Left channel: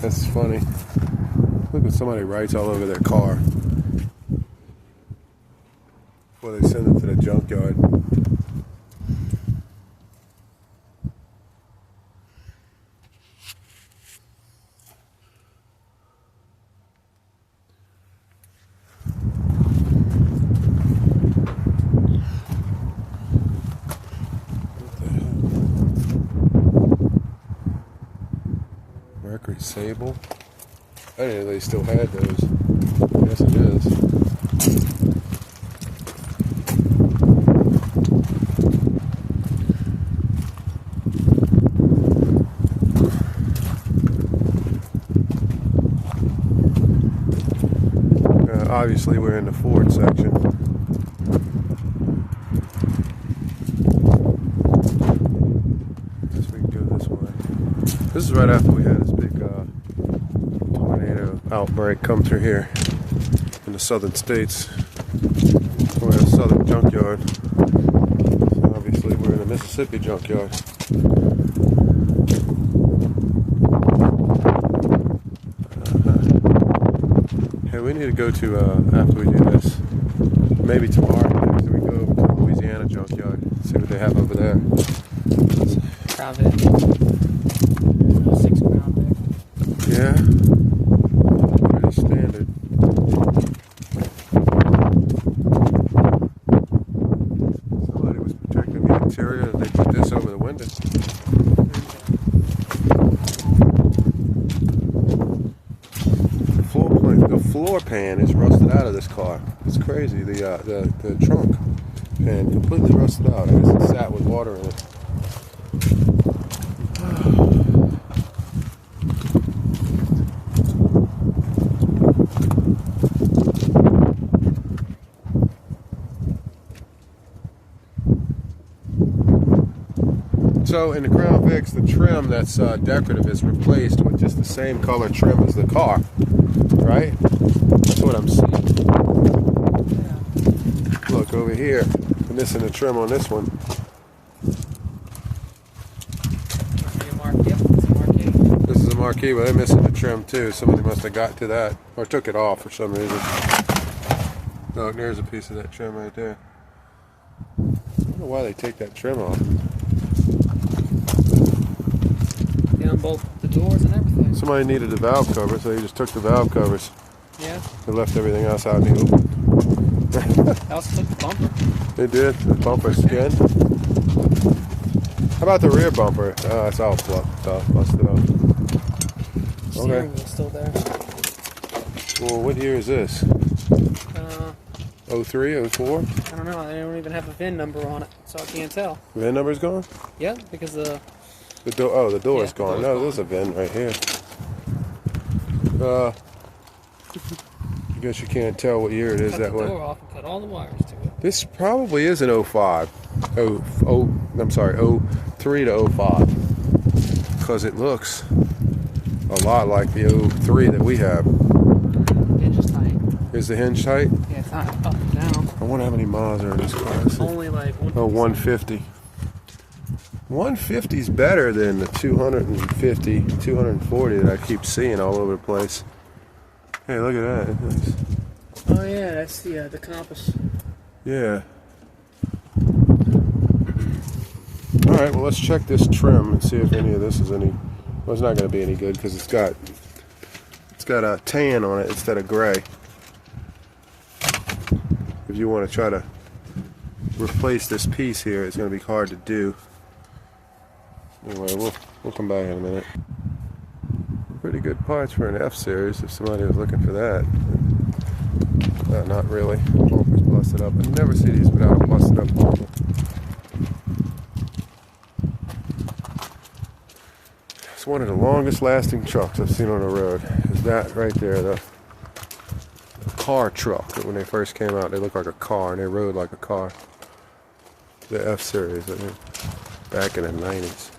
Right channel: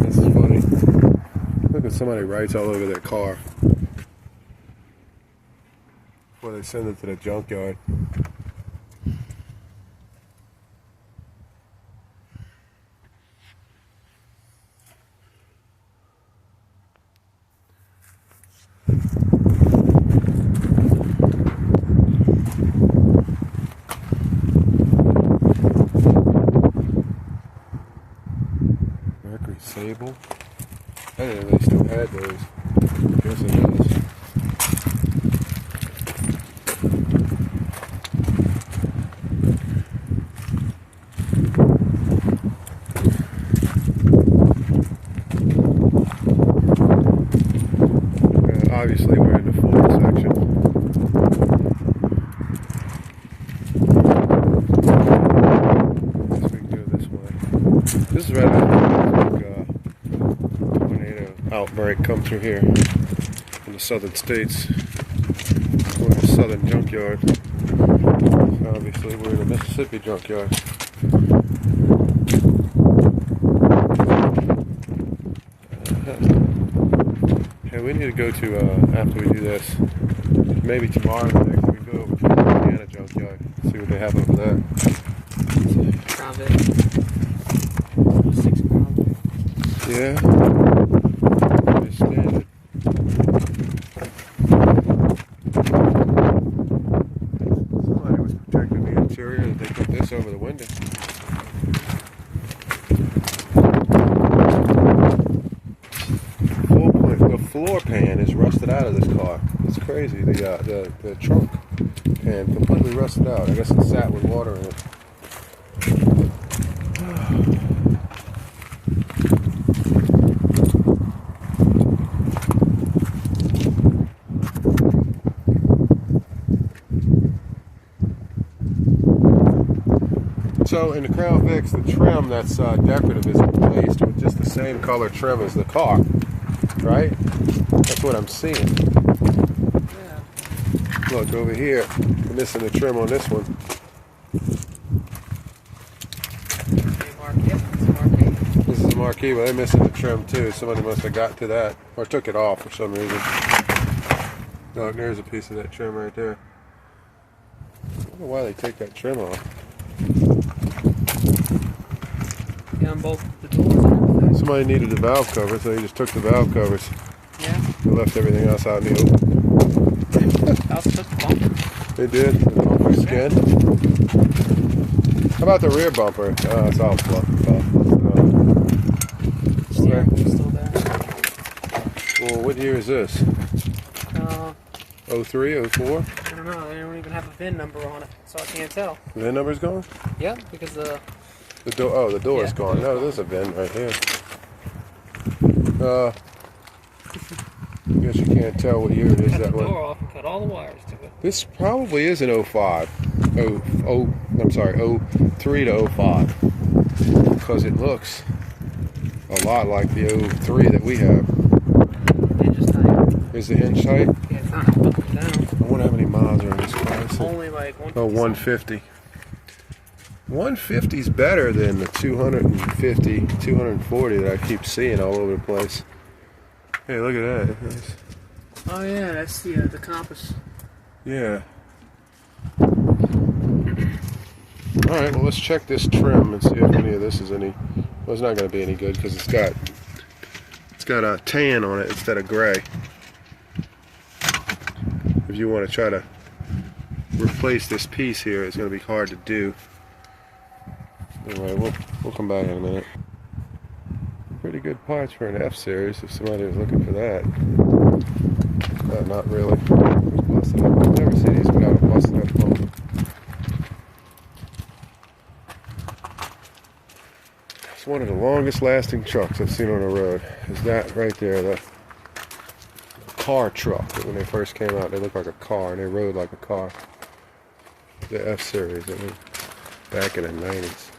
That's funny. Look at somebody writes all over their car before they send it to the junkyard. Mercury Sable. I didn't know they still had those. I guess it is. Obviously, we're in the Ford section. I guess we can go this way. This is right after this big tornado outbreak come through here in the southern states. We're in a southern junkyard. So obviously, we're in a Mississippi junkyard. Hey, we need to go to, after we do this, maybe tomorrow, we go over to the Louisiana junkyard, see what they have over there. Probably 6 pound. Yeah. Standard. Somebody was protecting the interior and they put this over the window. The floor pan is rusted out of this car. It's crazy. The trunk pan completely rusted out. I guess it sat with water in it. So in the Crown Vics, the trim that's decorative is replaced with just the same color trim as the car, right? That's what I'm seeing. Yeah. Look over here, we're missing the trim on this one. This is a marquee, but they're missing the trim too. Somebody must have got to that or took it off for some reason. Look, there's a piece of that trim right there. I don't know why they take that trim off. Yeah, on both the doors and everything. Somebody needed the valve cover, so they just took the valve covers. Yeah. They left everything else out in the open. They also took the bumper. They did. The bumper skin. How about the rear bumper? Oh, it's all busted off. Steering wheel's still there. Well, what year is this? 03, 04? I don't know. They don't even have a VIN number on it, so I can't tell. The VIN number's gone? Yeah, because the door. Oh, the door's gone. No, there's a VIN right here. I guess you can't tell what year it is that way. Cut the door off and cut all the wires to it. This probably is an 05. I'm sorry, 03 to 05. Because it looks a lot like the 03 that we have. Here's the hinge height. Yeah, it's not down. I wonder how many miles are in these cars. Only like 150. Oh, 150. 150 is better than the 250, 240 that I keep seeing all over the place. Hey, look at that. Nice. Oh yeah, that's the compass. Yeah. All right, well, let's check this trim and see if any of this is any. Well, it's not going to be any good because it's got a tan on it instead of gray. If you want to try to replace this piece here, it's going to be hard to do. Anyway, we'll come back in a minute. Pretty good parts for an F series if somebody was looking for that. Not really. Busted up. I've never seen these without a busted up bumper. It's one of the longest lasting trucks I've seen on the road. Is that right there, the car truck. When they first came out, they looked like a car and they rode like a car. The F series, I mean, back in the 90s.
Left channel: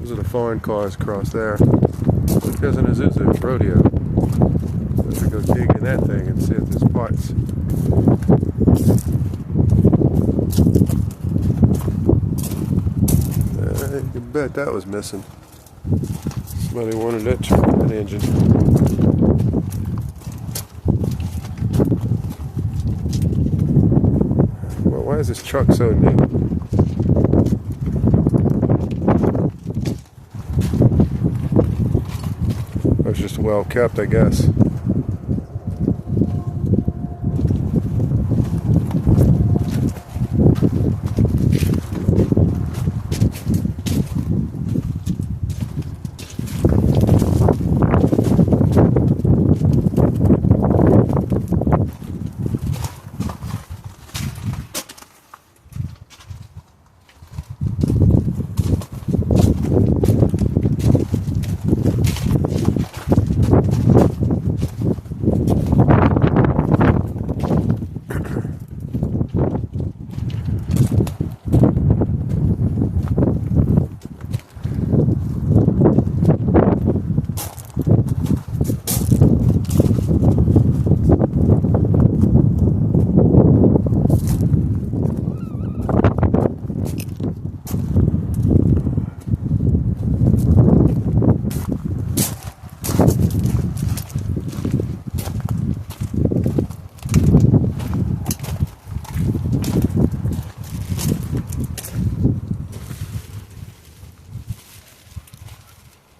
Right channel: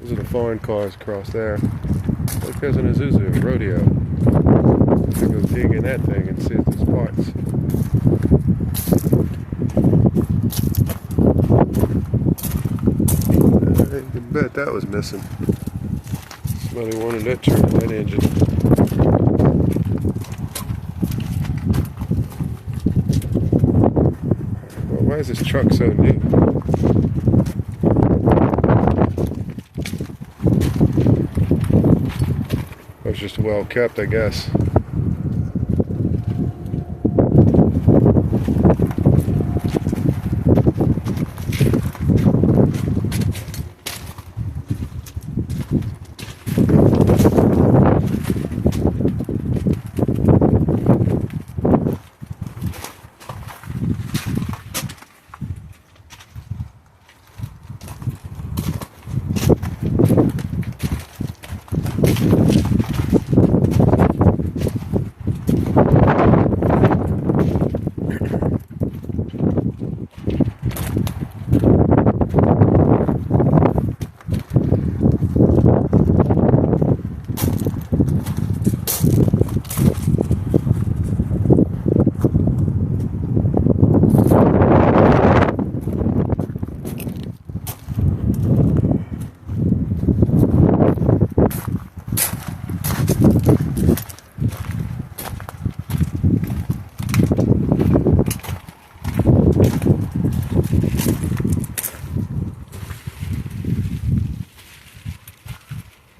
Those are the foreign cars across there. Look, there's an Isuzu Rodeo. to go dig in that thing and see if there's parts. You can bet that was missing. Somebody wanted that truck, that engine. Well, why is this truck so new? It was just well kept, I guess.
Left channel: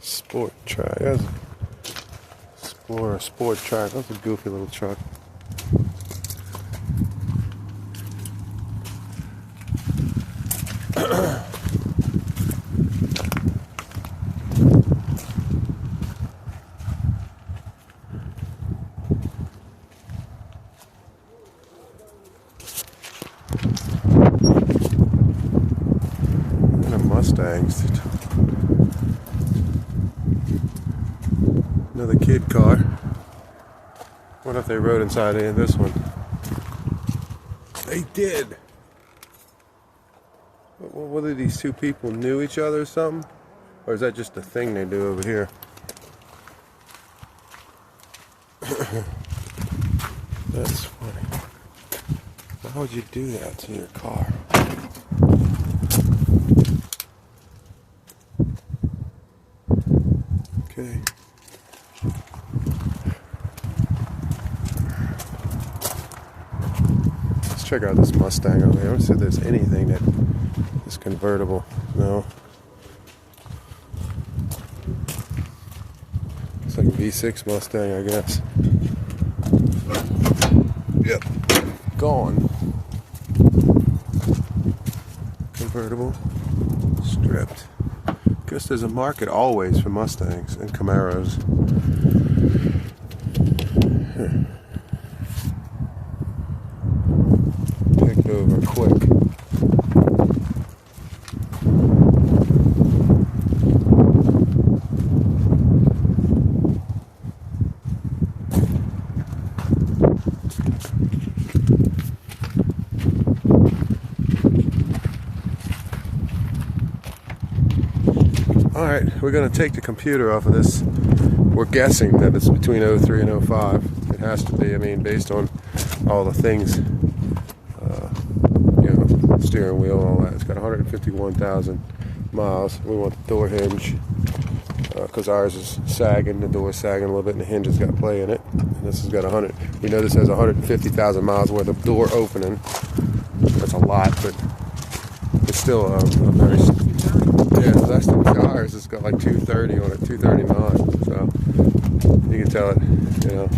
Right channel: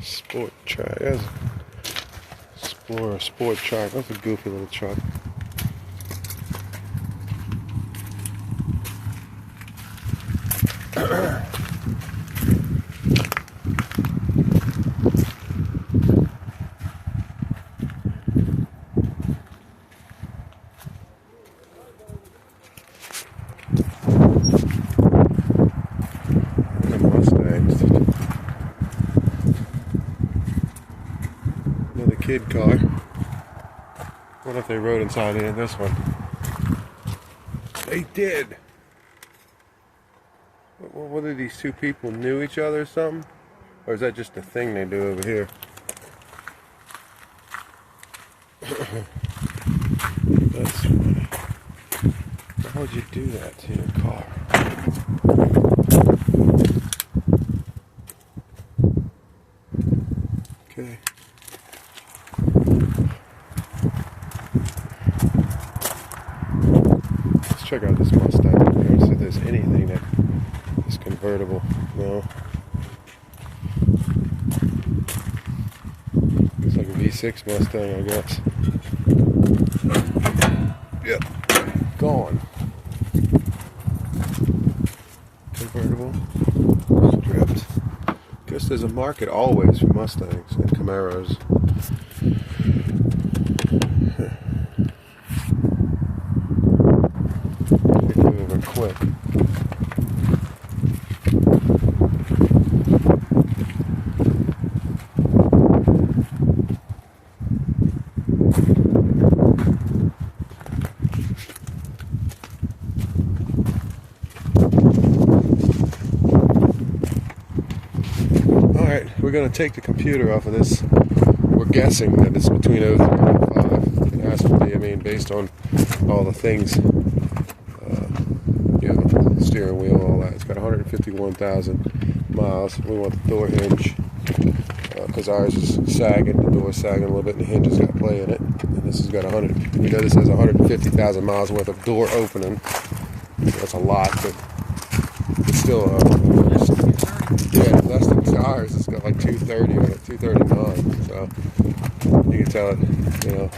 Sport track. That's Explorer sport track. That's a goofy little truck. And a Mustangs. Another kid car. What if they rode inside in this one? They did. Whether these two people knew each other or something, or is that just a thing they do over here? That's funny. Why would you do that to your car? Okay. Let's check out this Mustang. I don't see if there's anything that is convertible. No. It's like a V6 Mustang, I guess. Yep. Gone. Convertible. Stripped. Guess there's a market always for Mustangs and Camaros. Here. Take over quick. Alright, we're going to take the computer off of this. We're guessing that it's between 03 and 05. It has to be, I mean, based on all the things. You know, steering wheel, all that. It's got 151,000 miles. We want the door hinge because ours is sagging. The door's sagging a little bit and the hinge has got play in it. And this has got 100. You know, this has 150,000 miles worth of door opening. That's a lot, but it's still a very... Yeah, less than ours. It's got like 230 on it, 239. So you can tell it, you know.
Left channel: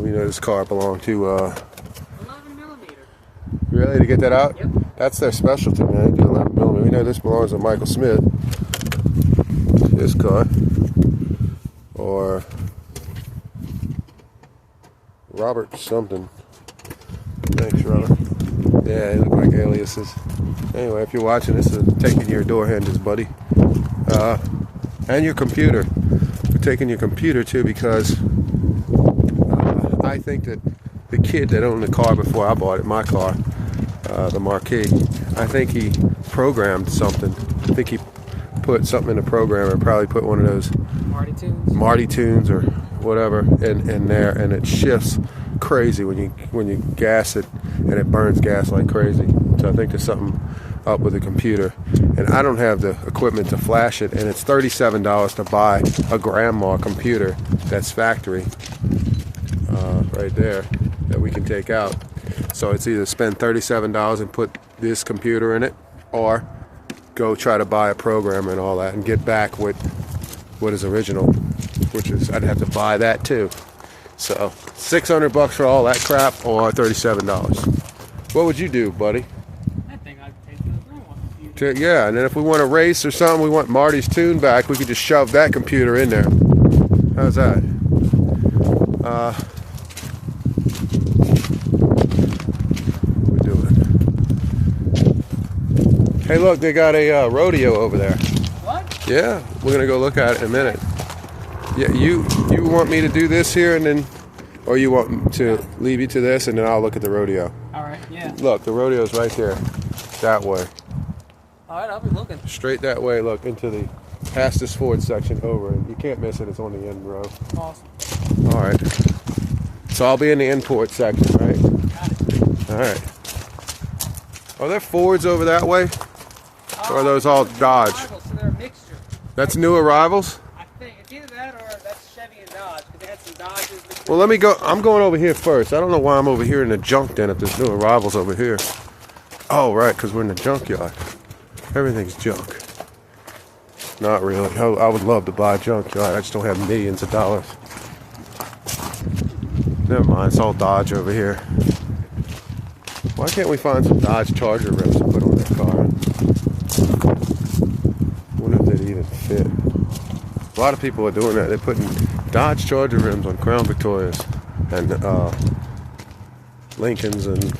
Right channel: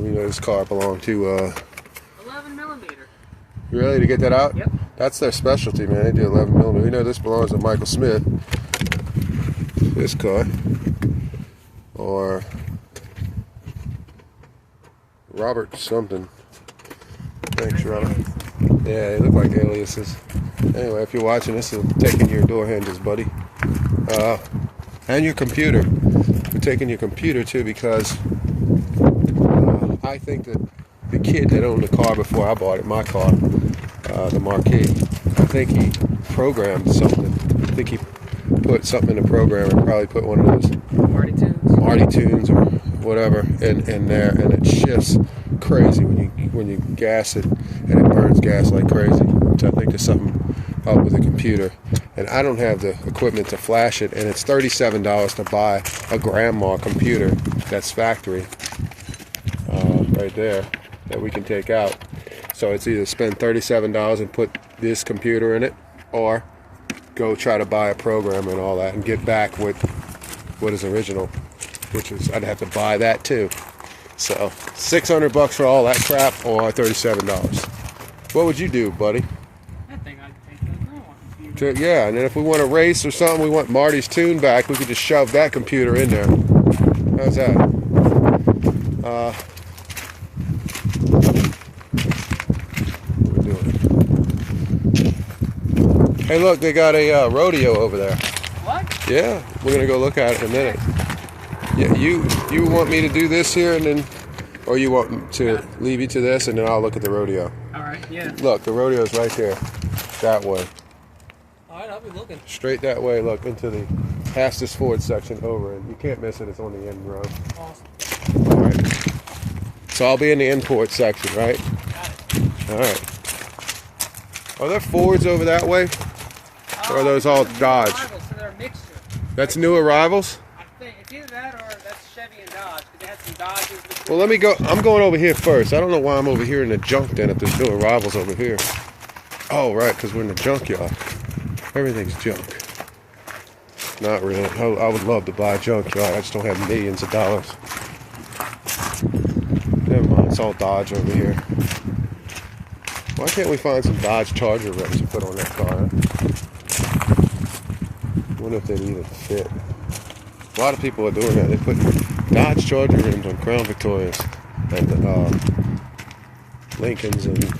We know this car belonged to 11mm. You ready to get that out? Yep. That's their specialty, man. They do 11mm. We know this belongs to Michael Smith. This car. Or Robert something. Thanks, Robert. Yeah, they look like aliases. Anyway, if you're watching this, I'm taking your door hinges, buddy. And your computer. We're taking your computer too because I think that the kid that owned the car before I bought it, my car, the Marquis, I think he programmed something. I think he put something in the program and probably put one of those Marty tunes. Marty tunes or whatever in there, and it shifts crazy when you gas it, and it burns gas like crazy. So I think there's something up with the computer, and I don't have the equipment to flash it, and it's $37 to buy a grandma computer that's factory right there that we can take out. So it's either spend $37 and put this computer in it, or go try to buy a programmer and all that and get back with what is original, which is I'd have to buy that too. So $600 for all that crap, or $37. What would you do, buddy? I think I'd take those. Yeah, and then if we want to race or something, we want Marty's tune back, we could just shove that computer in there. How's that? Hey, look, they got a rodeo over there. What? Yeah, we're gonna go look at it in a minute. Yeah, you want me to do this here, and then, or you want to leave you to this, and then I'll look at the rodeo. All right. Yeah. Look, the rodeo's right there, that way. All right, I'll be looking. Straight that way. Look into the past this Ford section over, and you can't miss it. It's on the end row. Awesome. All right. So I'll be in the import section, right? All right. Are there Fords over that way? Or are those all Dodge? So they're a mixture. That's new arrivals? I think it's either that or that's Chevy and Dodge. But they had some Dodges. Well, let me go. I'm going over here first. I don't know why I'm over here in the junk den if there's new arrivals over here. Oh, right, because we're in the junkyard. Everything's junk. Not really. I would love to buy a junkyard. I just don't have millions of dollars. Never mind. It's all Dodge over here. Why can't we find some Dodge Charger rims to put on that car? Wonder if they'd even fit. A lot of people are doing that. They're putting Dodge Charger rims on Crown Victorias and Lincolns and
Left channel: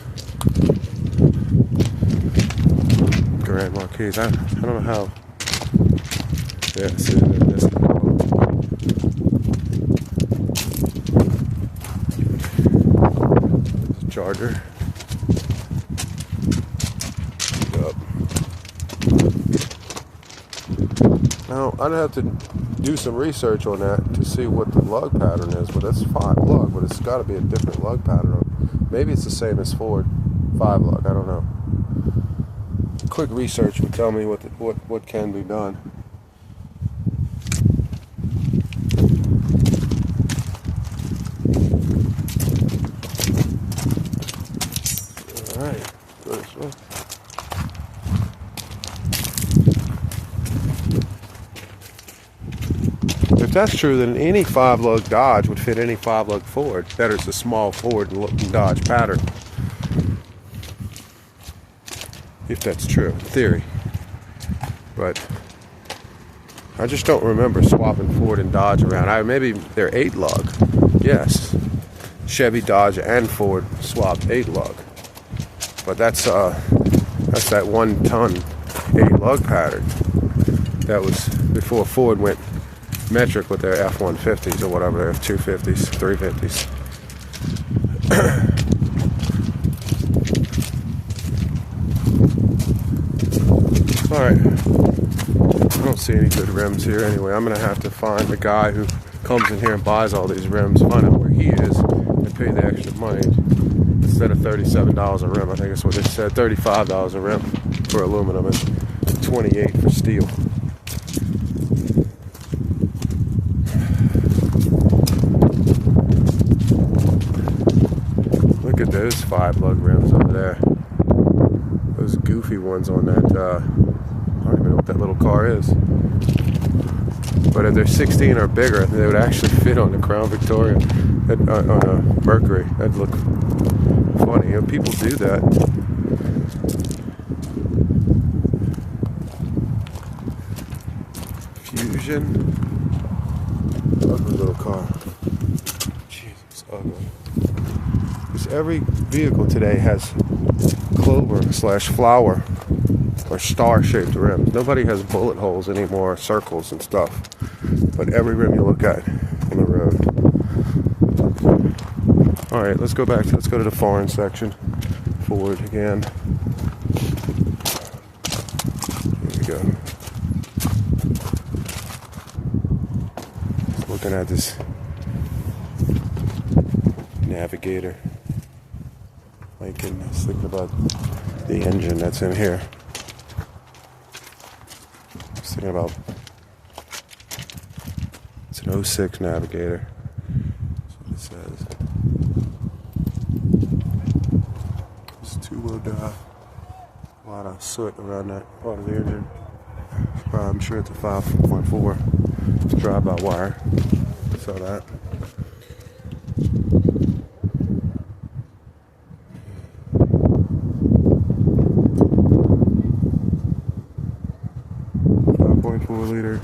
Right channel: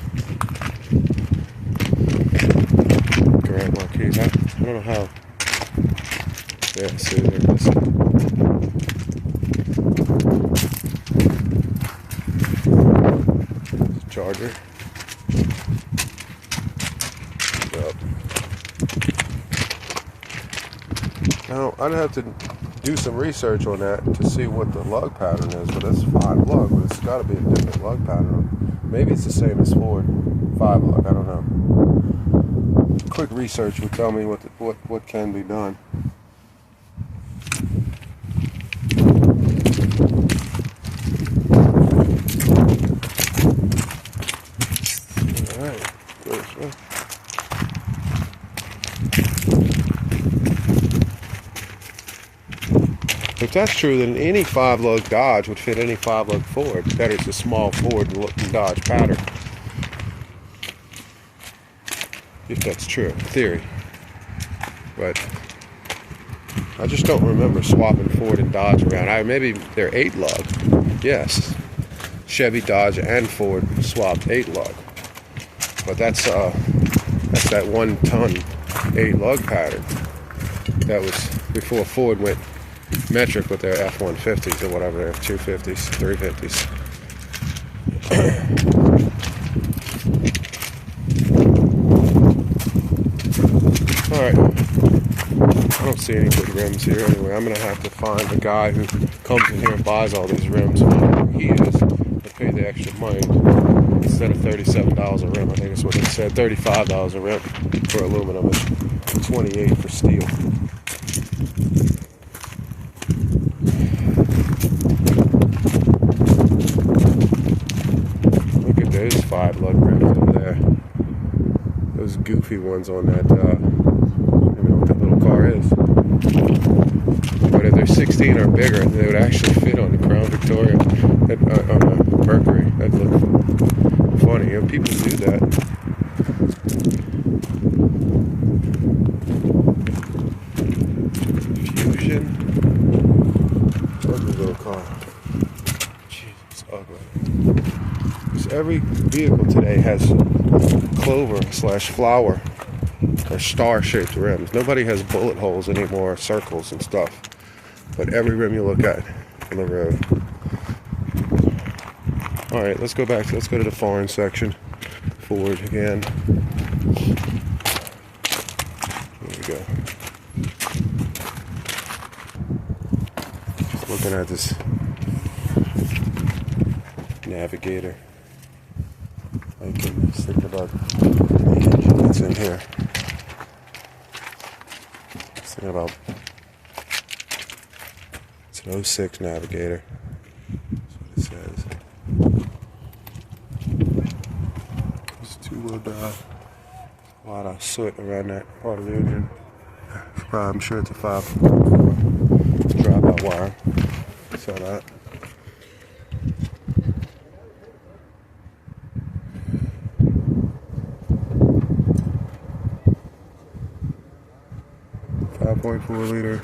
Grand Marquis. I don't know how. Yeah, see, they're missing. Charger. Yep. Now, I'd have to do some research on that to see what the lug pattern is, but that's 5 lug, but it's got to be a different lug pattern. Maybe it's the same as Ford 5 lug, I don't know. Quick research would tell me what can be done. Alright, go this way. If that's true, then any 5-lug Dodge would fit any 5-lug Ford. That is a small Ford and Dodge pattern. If that's true, in theory. But I just don't remember swapping Ford and Dodge around. Maybe they're 8-lug. Yes. Chevy, Dodge, and Ford swapped 8-lug. But that's that 1-ton 8-lug pattern. That was before Ford went metric with their F-150s or whatever, their 250s, 350s. Alright, I don't see any good rims here anyway. I'm going to have to find the guy who comes in here and buys all these rims, find out where he is, and pay the extra money. Instead of $37 a rim, I think that's what it said, $35 a rim for aluminum and $28 for steel. Look at those 5-lug rims over there. Those goofy ones on that, I don't even know what that little car is. But if they're 16 or bigger, they would actually fit on the Crown Victoria, on a Mercury. That'd look funny. You know, people do that. Fusion. Ugly little car. Jeez, it's ugly. Because every vehicle today has clover/flower or star-shaped rims. Nobody has bullet holes anymore, circles and stuff. But every rim you look at in the road. All right, let's go back. Let's go to the foreign section. Ford again. There we go. Looking at this navigator. My goodness, think about the engine that's in here. I was thinking about, it's an 06 navigator. That's what it says. It's two-wheel drive. A lot of soot around that part of the engine. I'm sure it's a 5.4. It's drive-by-wire. Saw that. .4 liter.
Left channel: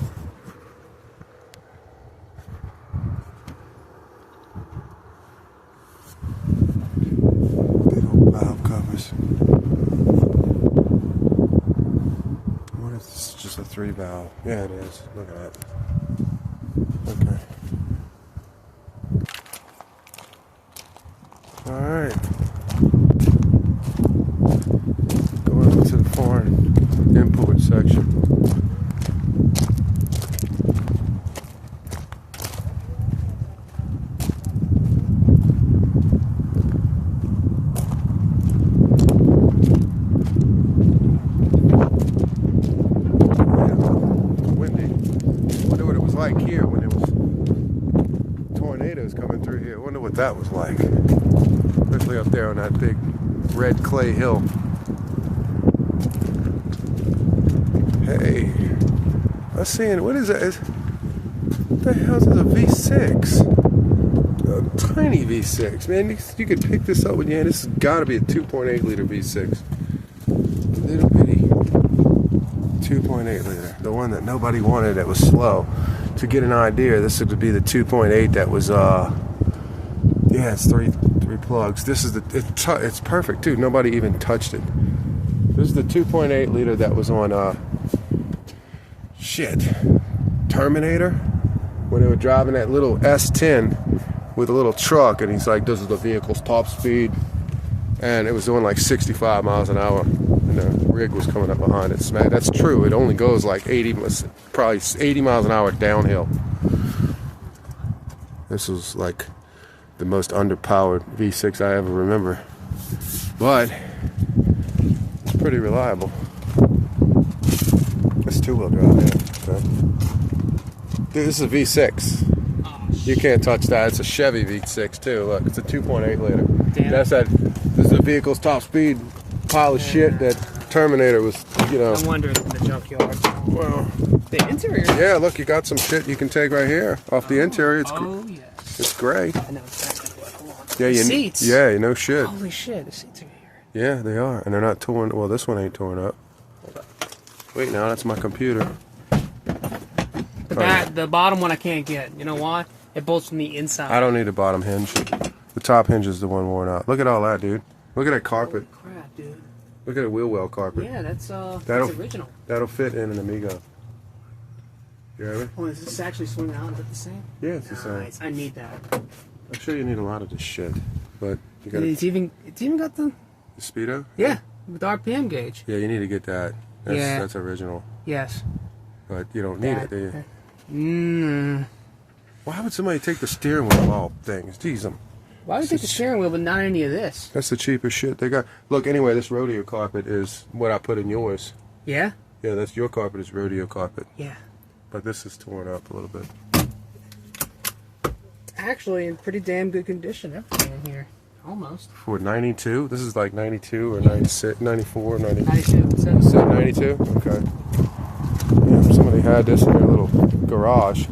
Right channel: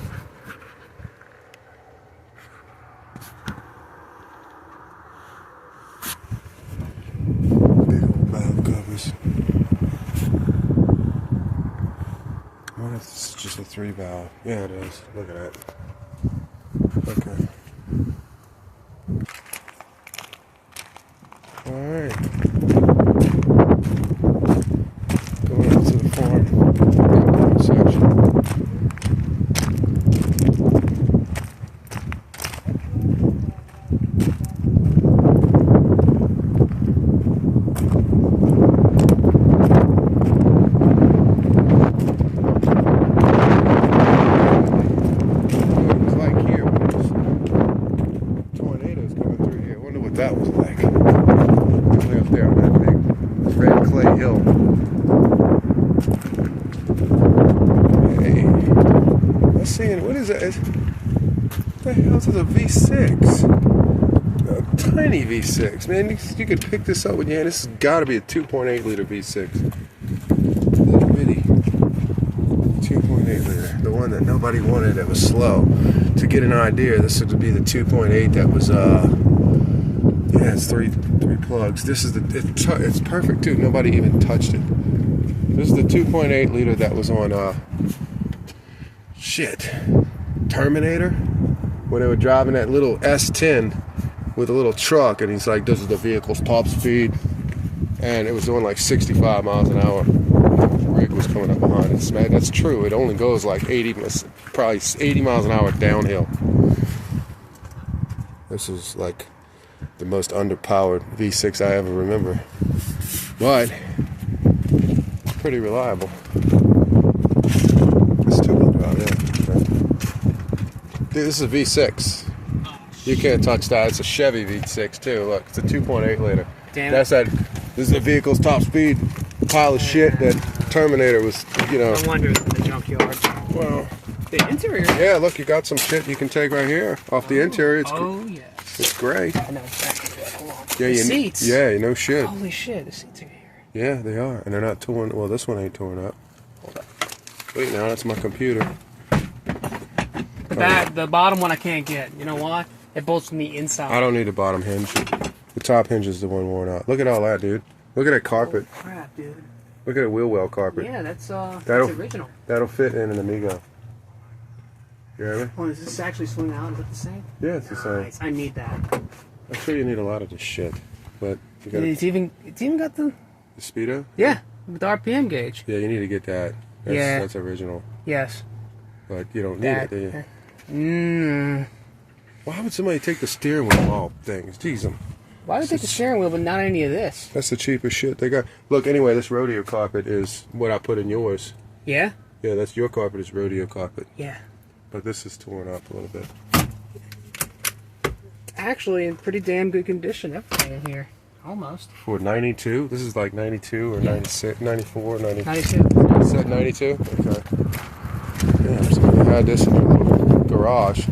Big old valve covers. I wonder if it's just a 3 valve. Yeah, it is. Look at that. Okay. Alright. Going out to the farm. Import section. That was like, especially up there on that big red clay hill. Hey, I'm seeing, what is that? What the hell is this, a V6? A tiny V6, man. You could pick this up with your hand. This has got to be a 2.8 liter V6. Little bitty 2.8 liter, the one that nobody wanted, that was slow. To get an idea, this would be the 2.8 that was yeah, it's three plugs. This is it's perfect too. Nobody even touched it. This is the 2.8 liter that was on Terminator, when they were driving that little S10 with a little truck, and he's like, this is the vehicle's top speed, and it was doing like 65 miles an hour. The rig was coming up behind it. That's true. It only goes like 80, probably 80 miles an hour downhill. This is like the most underpowered V6 I ever remember, but pretty reliable. It's two-wheel drive, yeah. Dude, this is a V6. You can't touch that. It's a Chevy V6 too. Look, it's a 2.8 liter. Damn. That's that. This is the vehicle's top speed pile of shit that Terminator was, you know. I'm wondering the junkyard. Well, the interior. Yeah, look, you got some shit you can take right here off the interior. It's yeah. It's great. I know exactly what. Hold on. Yeah, the seats. Yeah, no shit. Holy shit, the seats are here. Yeah, they are, and they're not torn. Well, this one ain't torn up. Hold up. Wait, now that's my computer. The bottom one I can't get. You know why? It bolts from the inside. I don't need the bottom hinge. The top hinge is the one worn out. Look at all that, dude. Look at that carpet. Oh, crap, dude. Look at the wheel well carpet. Yeah, that's original. That'll fit in an Amigo. You hear me? Oh, does this actually swing out? Is it the same? Yeah, it's the same. Nice. I need that. I'm sure you need a lot of this shit, but you got. It's even got the speedo. Yeah, with the RPM gauge. Yeah, you need to get that. That's original. Yes. But you don't need it, do you? Why would somebody take the steering wheel of all things? Jeez, why would they take the steering wheel but not any of this? That's the cheapest shit they got. Look, anyway, this rodeo carpet is what I put in yours. Yeah? Yeah, that's your carpet is rodeo carpet. Yeah. But this is torn up a little bit. Actually, in pretty damn good condition, everything in here. Almost. For 92? This is like 92 or 96, 94, 90. 92. You said 92? Okay. Yeah, somebody had this in their little garage.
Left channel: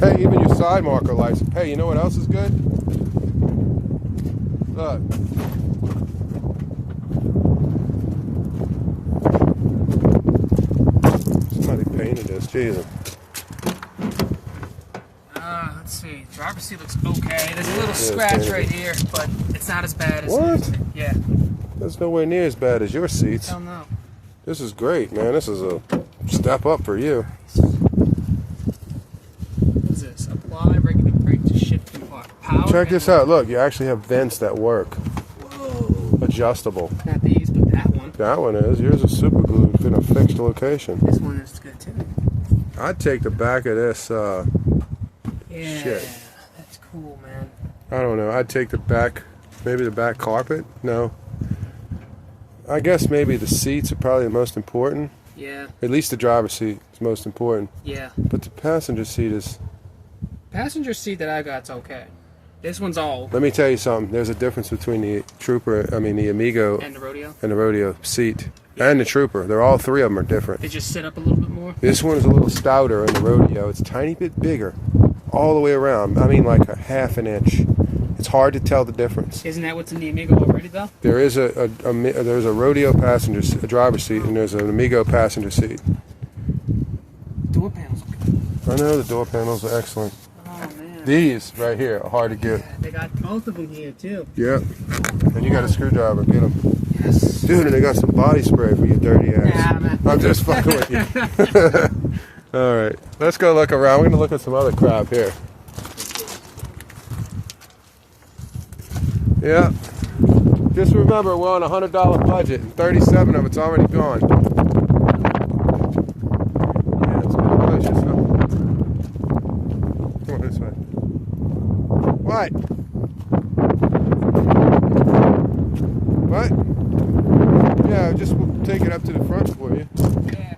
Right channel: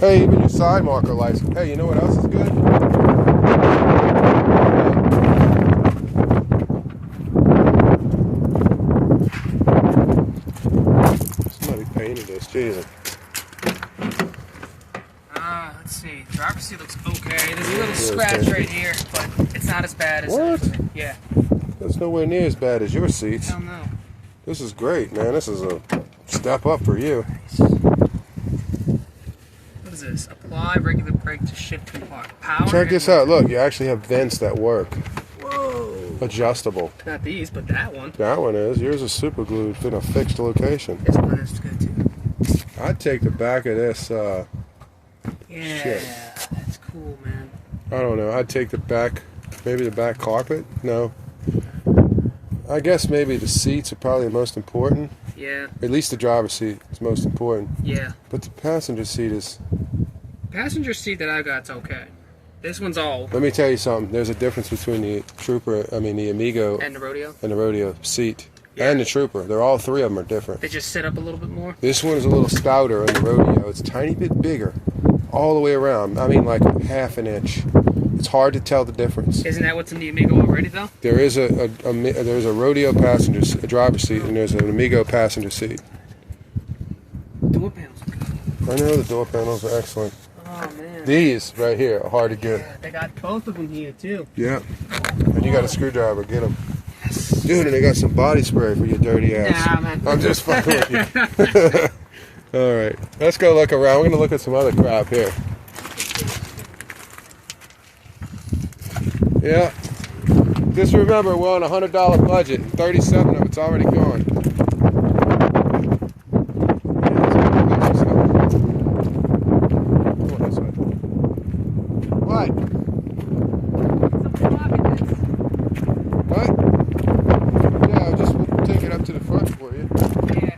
Hey, even your side marker lights. Hey, you know what else is good? Somebody painted this, Jesus. Let's see. The driver's seat looks okay. There's a little scratch right here, but it's not as bad as What? Yeah. That's nowhere near as bad as your seats. I don't know. This is great, man. This is a step up for you. What is this? Apply regular brake to shift to power. Check this out. Look, you actually have vents that work. Whoa. Adjustable. Not these, but that one. That one is. Yours is super glued in a fixed location. This one is good too. I'd take the back of this. Yeah, shit. that's cool, man. I don't know. I'd take the back, maybe the back carpet. No. I guess maybe the seats are probably the most important. Yeah. At least the driver's seat is most important. Yeah. But the passenger seat is... Passenger seat that I got's okay. This one's all... Let me tell you something. There's a difference between the the Amigo... And the Rodeo? And the Rodeo seat. Yeah. And the Trooper. They're all three of them are different. They just sit up a little bit more? This one is a little stouter in the Rodeo. It's a tiny bit bigger. All the way around. I mean like a half an inch. It's hard to tell the difference. Isn't that what's in the Amigo already, though? There is there's a Rodeo passenger, a driver's seat, and there's an Amigo passenger seat. Door panels are good. I know the door panels are excellent. Oh, man. These right here are hard to get. Yeah, they got both of them here, too. Yeah. And you got a screwdriver. Get them. Yes. Dude, and they got some body spray for your dirty ass. Nah, man. I'm just fucking with you. All right. Let's go look around. We're going to look at some other crap here. Yeah. Just remember, we're on a $100 budget, and 37 of it's already gone. Yeah, it's a good place, so. Come on this way. What? What? Yeah, just we'll take it up to the front for you. Yeah.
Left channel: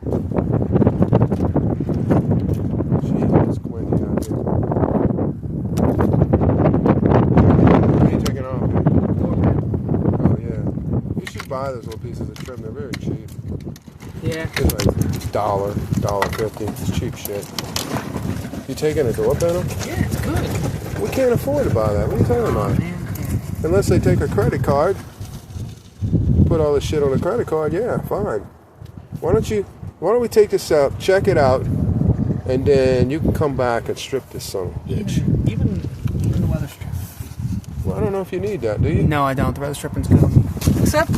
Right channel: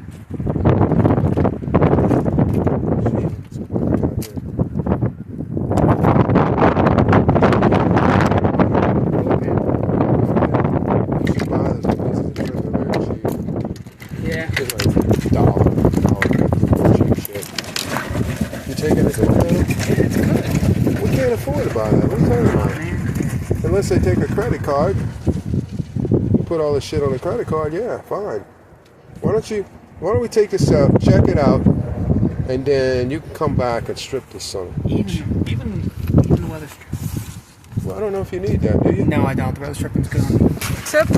Jeez, it's squirty out here. Buy those pieces of trim, they're very cheap. Yeah. It's like $1.50, cheap shit. You taking a door panel? Yeah, it's good. We can't afford to buy that. What are you talking about? Man. Unless they take a credit card. Put all this shit on a credit card, yeah, fine. Why don't we take this out, check it out, and then you can come back and strip this son of a bitch. Even the weather strip. Well, I don't know if you need that, do you? No, I don't. The weather stripping's good. Except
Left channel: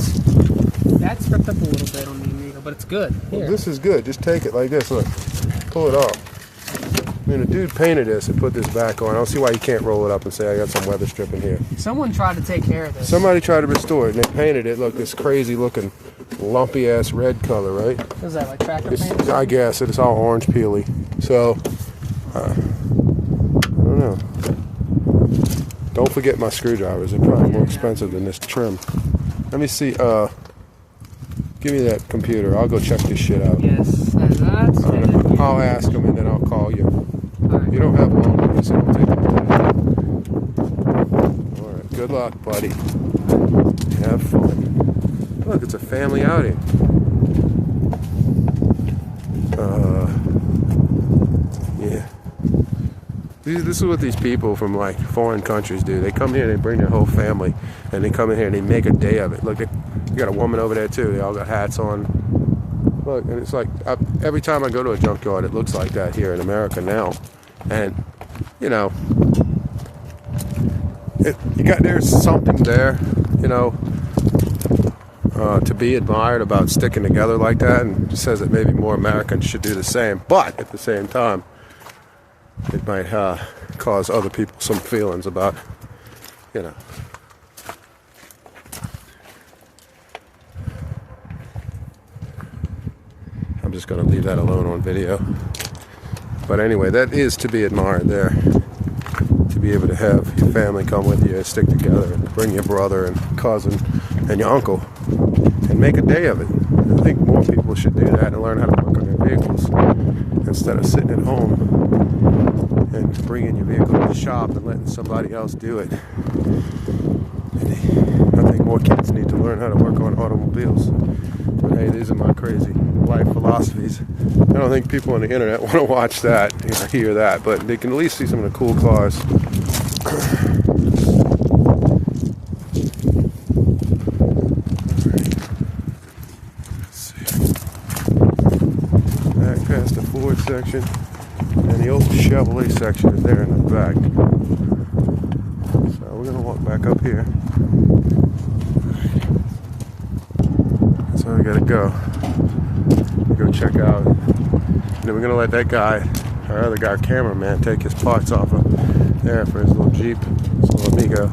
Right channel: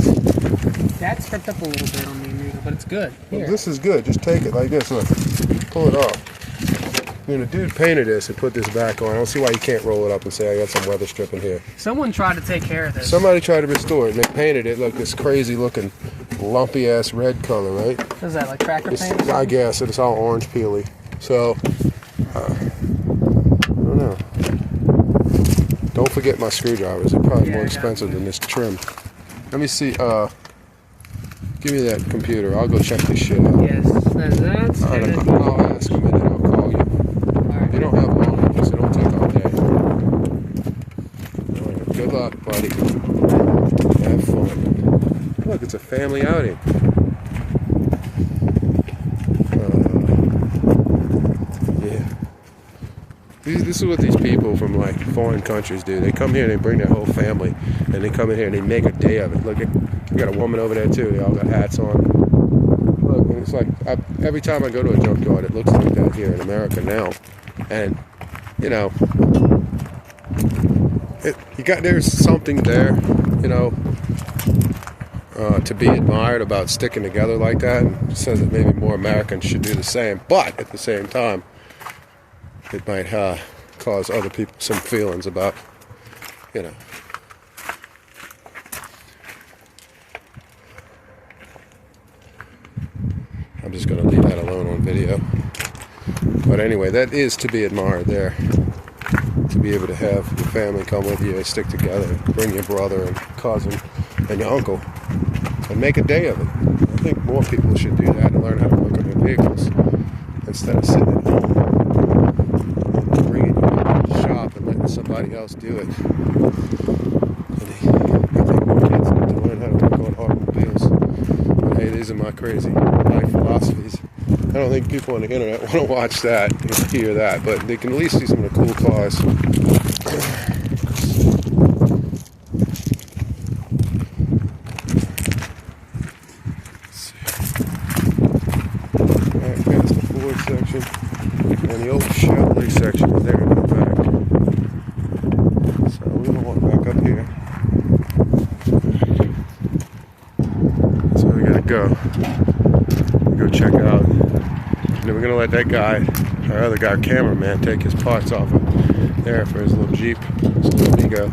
that's stripped up a little bit on the Amigo, but it's good. Here. Well, this is good. Just take it like this. Look, pull it off. I mean, the dude painted this and put this back on. I don't see why you can't roll it up and say I got some weather stripping here. Someone tried to take care of this. Somebody tried to restore it and they painted it. Look, this crazy looking, lumpy ass red color, right? What is that, like cracker paint? I guess it's all orange peely. So, I don't know. Don't forget my screwdrivers. They're probably more expensive than this trim. Let me see. Give me that computer. I'll go check this shit out. Yes, that's I'll ask him and then I'll call you. You don't have long, so it'll take all day. All right. Good luck, buddy. Have fun. Look, it's a family outing. Yeah. This is what these people from like foreign countries do. They come here and they bring their whole family, and they come in here and they make a day of it. Look, you got a woman over there too. They all got hats on. Look, and it's like every time I go to a junkyard, it looks like that here in America now. And you know, there's something there, you know, to be admired about sticking together like that, and it says that maybe more Americans should do the same. But at the same time, it might cause other people some feelings about, you know. I'm just going to leave that alone on video. But anyway, that is to be admired there. To be able to have your family come with you and stick together, and bring your brother and cousin and your uncle and make a day of it. I think more people should do that and learn how to work on their vehicles instead of sitting at home and bringing your vehicle to the shop and letting somebody else do it. I think more kids need to learn how to work on automobiles. But hey, these are my crazy life philosophies. I don't think people on the internet want to watch that or hear that, but they can at least see some of the cool cars. Alright, past the Ford section, and the old Chevrolet section is there in the back. So we're going to walk back up here. So we got to go. Go check out. And then we're going to let that guy, our other guy, cameraman, take his parts off of there for his little Jeep, his little Amigo.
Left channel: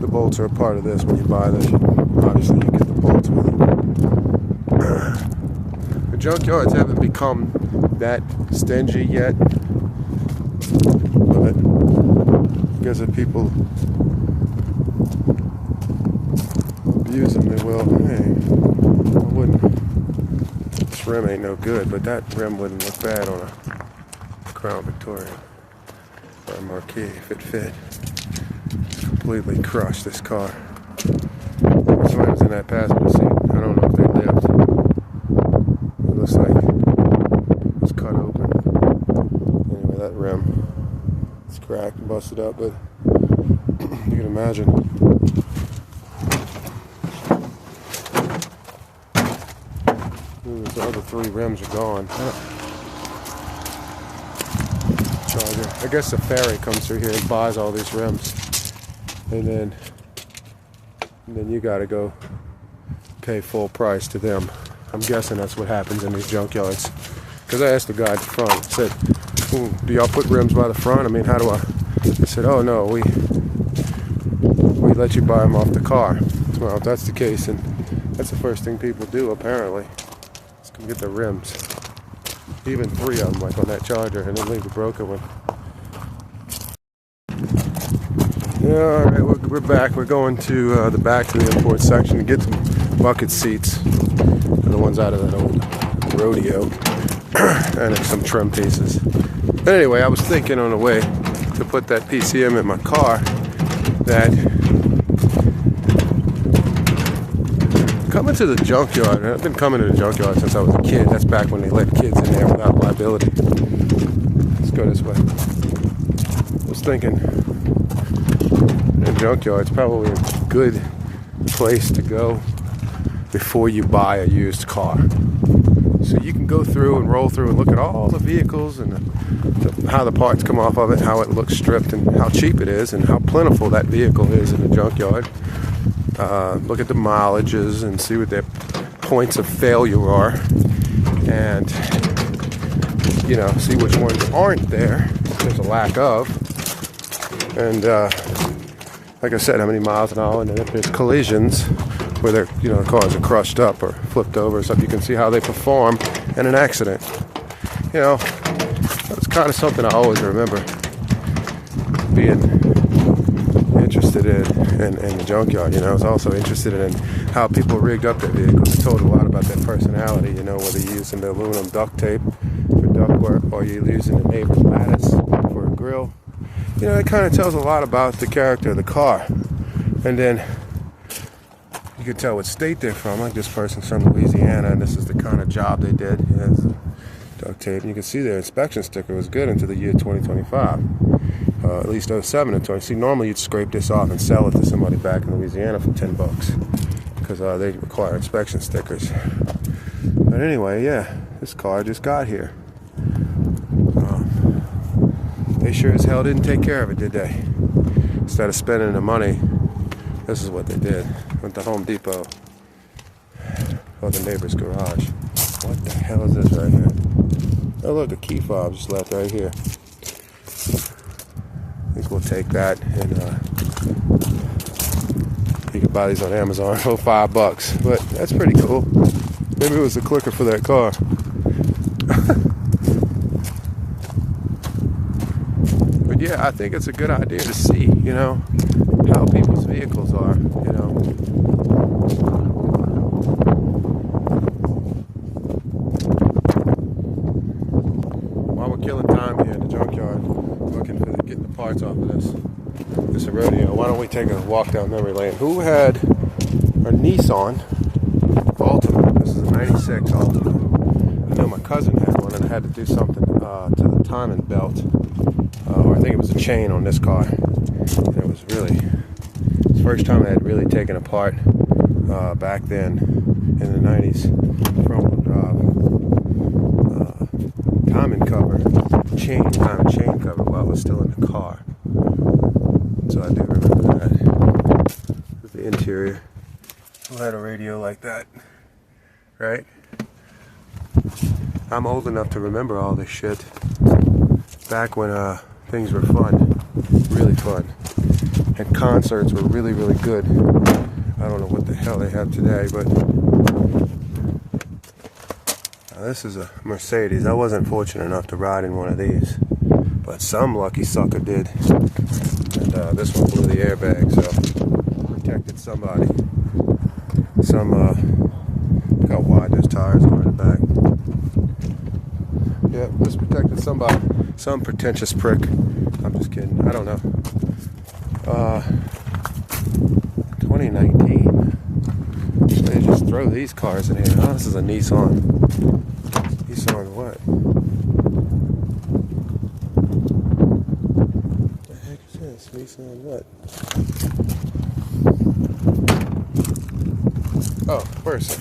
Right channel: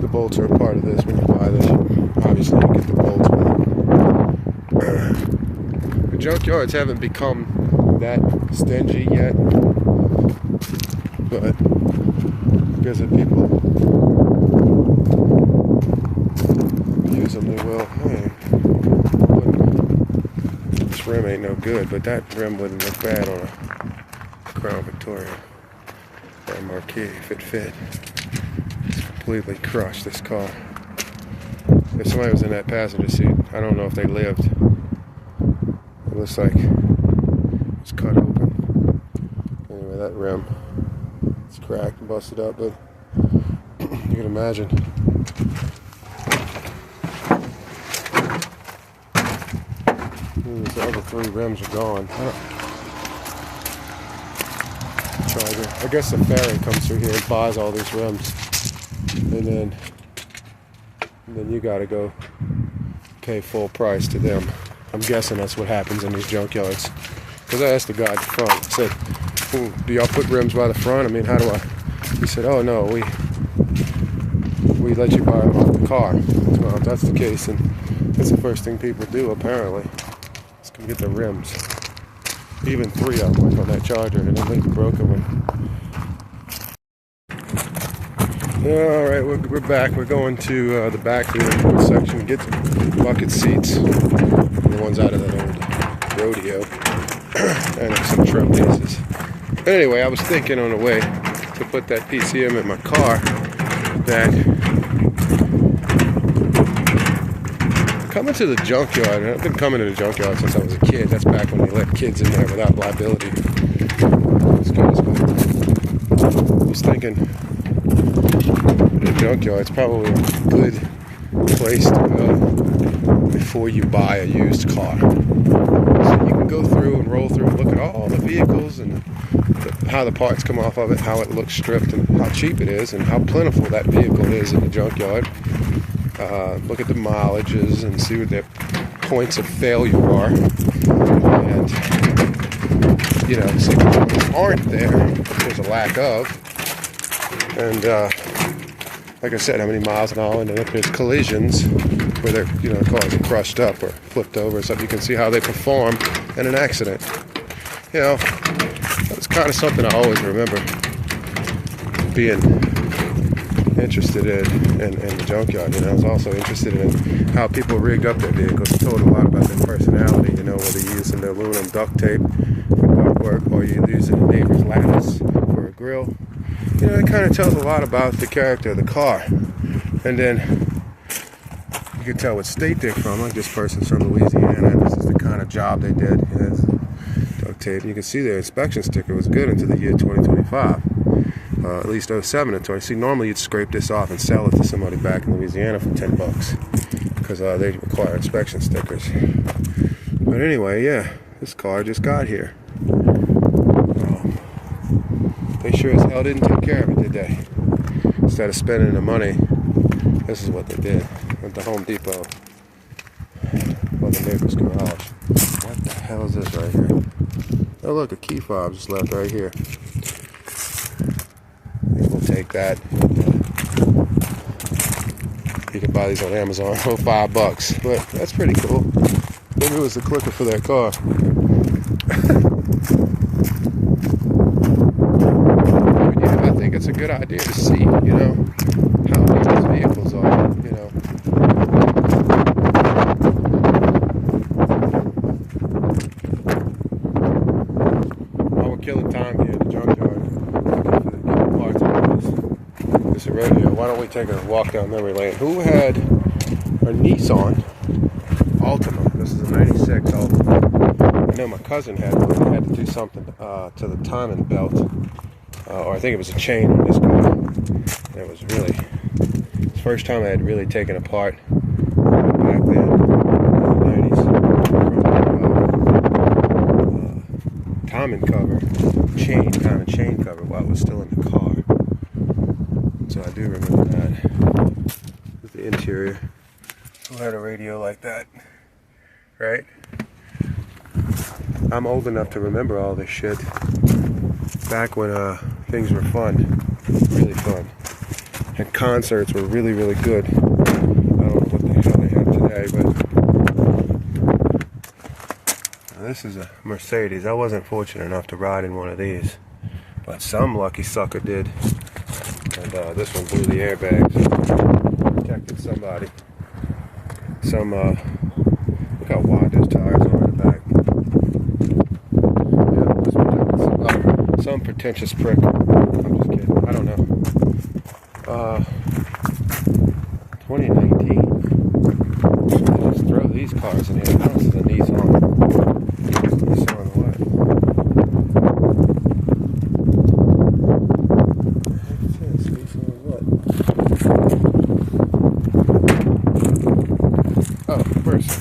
The bolts are a part of this when you buy this. Obviously, you get the bolts with it. The junkyards haven't become that stingy yet. but I guess if people use them, they will. Hey, this rim ain't no good, but that rim wouldn't look bad on a Crown Victoria or a Marquis if it fit. It's completely crushed, this car. If somebody was in that passenger seat, I don't know if they lived. It looks like it was cut open. Anyway, that rim is cracked and busted up, but you can imagine. The other 3 rims are gone. So I guess the ferry comes through here and buys all these rims, and then you got to go pay full price to them. I'm guessing that's what happens in these junkyards. Because I asked the guy at the front, I said, do y'all put rims by the front? I mean, how do I? He said, oh no, we let you buy them off the car. Well, if that's the case, then that's the first thing people do apparently. Let's come get the rims. Even 3 of them, like on that Charger, and then leave the broken one. Yeah, all right, we're back. We're going to the back of the import section to get the bucket seats, the ones out of that old rodeo, and some trim pieces. But anyway, I was thinking on the way to put that PCM in my car that coming to the junkyard, and I've been coming to the junkyard since I was a kid. That's back when they let kids in there without liability. Let's go this way. I was thinking, the junkyard's probably a good place to go before you buy a used car. So you can go through and roll through and look at all the vehicles and how the parts come off of it, how it looks stripped, and how cheap it is, and how plentiful that vehicle is in the junkyard. Look at the mileages and see what their points of failure are, and see which ones aren't there, if there's a lack of, and like I said, how many miles an hour, and then if there's collisions where the cars are crushed up or flipped over and stuff, you can see how they perform in an accident. That's kind of something I always remember being interested in the junkyard. I was also interested in how people rigged up their vehicles. It told a lot about their personality, whether you're using the aluminum duct tape for duct work or you're using the neighbor's lattice for a grill. It kind of tells a lot about the character of the car. And then you can tell what state they're from. Like this person's from Louisiana, and this is the kind of job they did. Duct tape. And you can see their inspection sticker was good until the year 2025. At least 07 and 20. See, normally you'd scrape this off and sell it to somebody back in Louisiana for $10 because they require inspection stickers. But anyway, yeah, this car just got here. They sure as hell didn't take care of it, did they? Instead of spending the money, this is what they did. Went to Home Depot or the neighbor's garage. What the hell is this right here? Oh look, the key fob just left right here. I think we'll take that. And, you can buy these on Amazon for $5, but that's pretty cool. Maybe it was the clicker for that car. But yeah, I think it's a good idea to see, how people's vehicles are, While we're killing time here in the junkyard, getting parts out of this rodeo, why don't we take a walk down memory lane? Who had a Nissan Altima? This is a 96 Altima. I know my cousin had one and had to do something to the timing belt, or I think it was a chain on this car. And it was really the first time I had really taken apart back then in the 90s from timing cover, chain cover while it was still in the car. So I do remember that. With the interior. Who had a radio like that? Right? I'm old enough to remember all this shit. Back when things were fun. Really fun. And concerts were really, really good. I don't know what the hell they have today, but now this is a Mercedes. I wasn't fortunate enough to ride in one of these. But but some lucky sucker did. And this one blew the airbag, so protected somebody. Some, look how wide those tires are in the back. Yeah, this protected somebody. Some pretentious prick. I'm just kidding. I don't know. 2019. Man, just throw these cars in here. Oh, this is a Nissan. Nissan what? What the heck is this? Nissan what? Oh, Versa.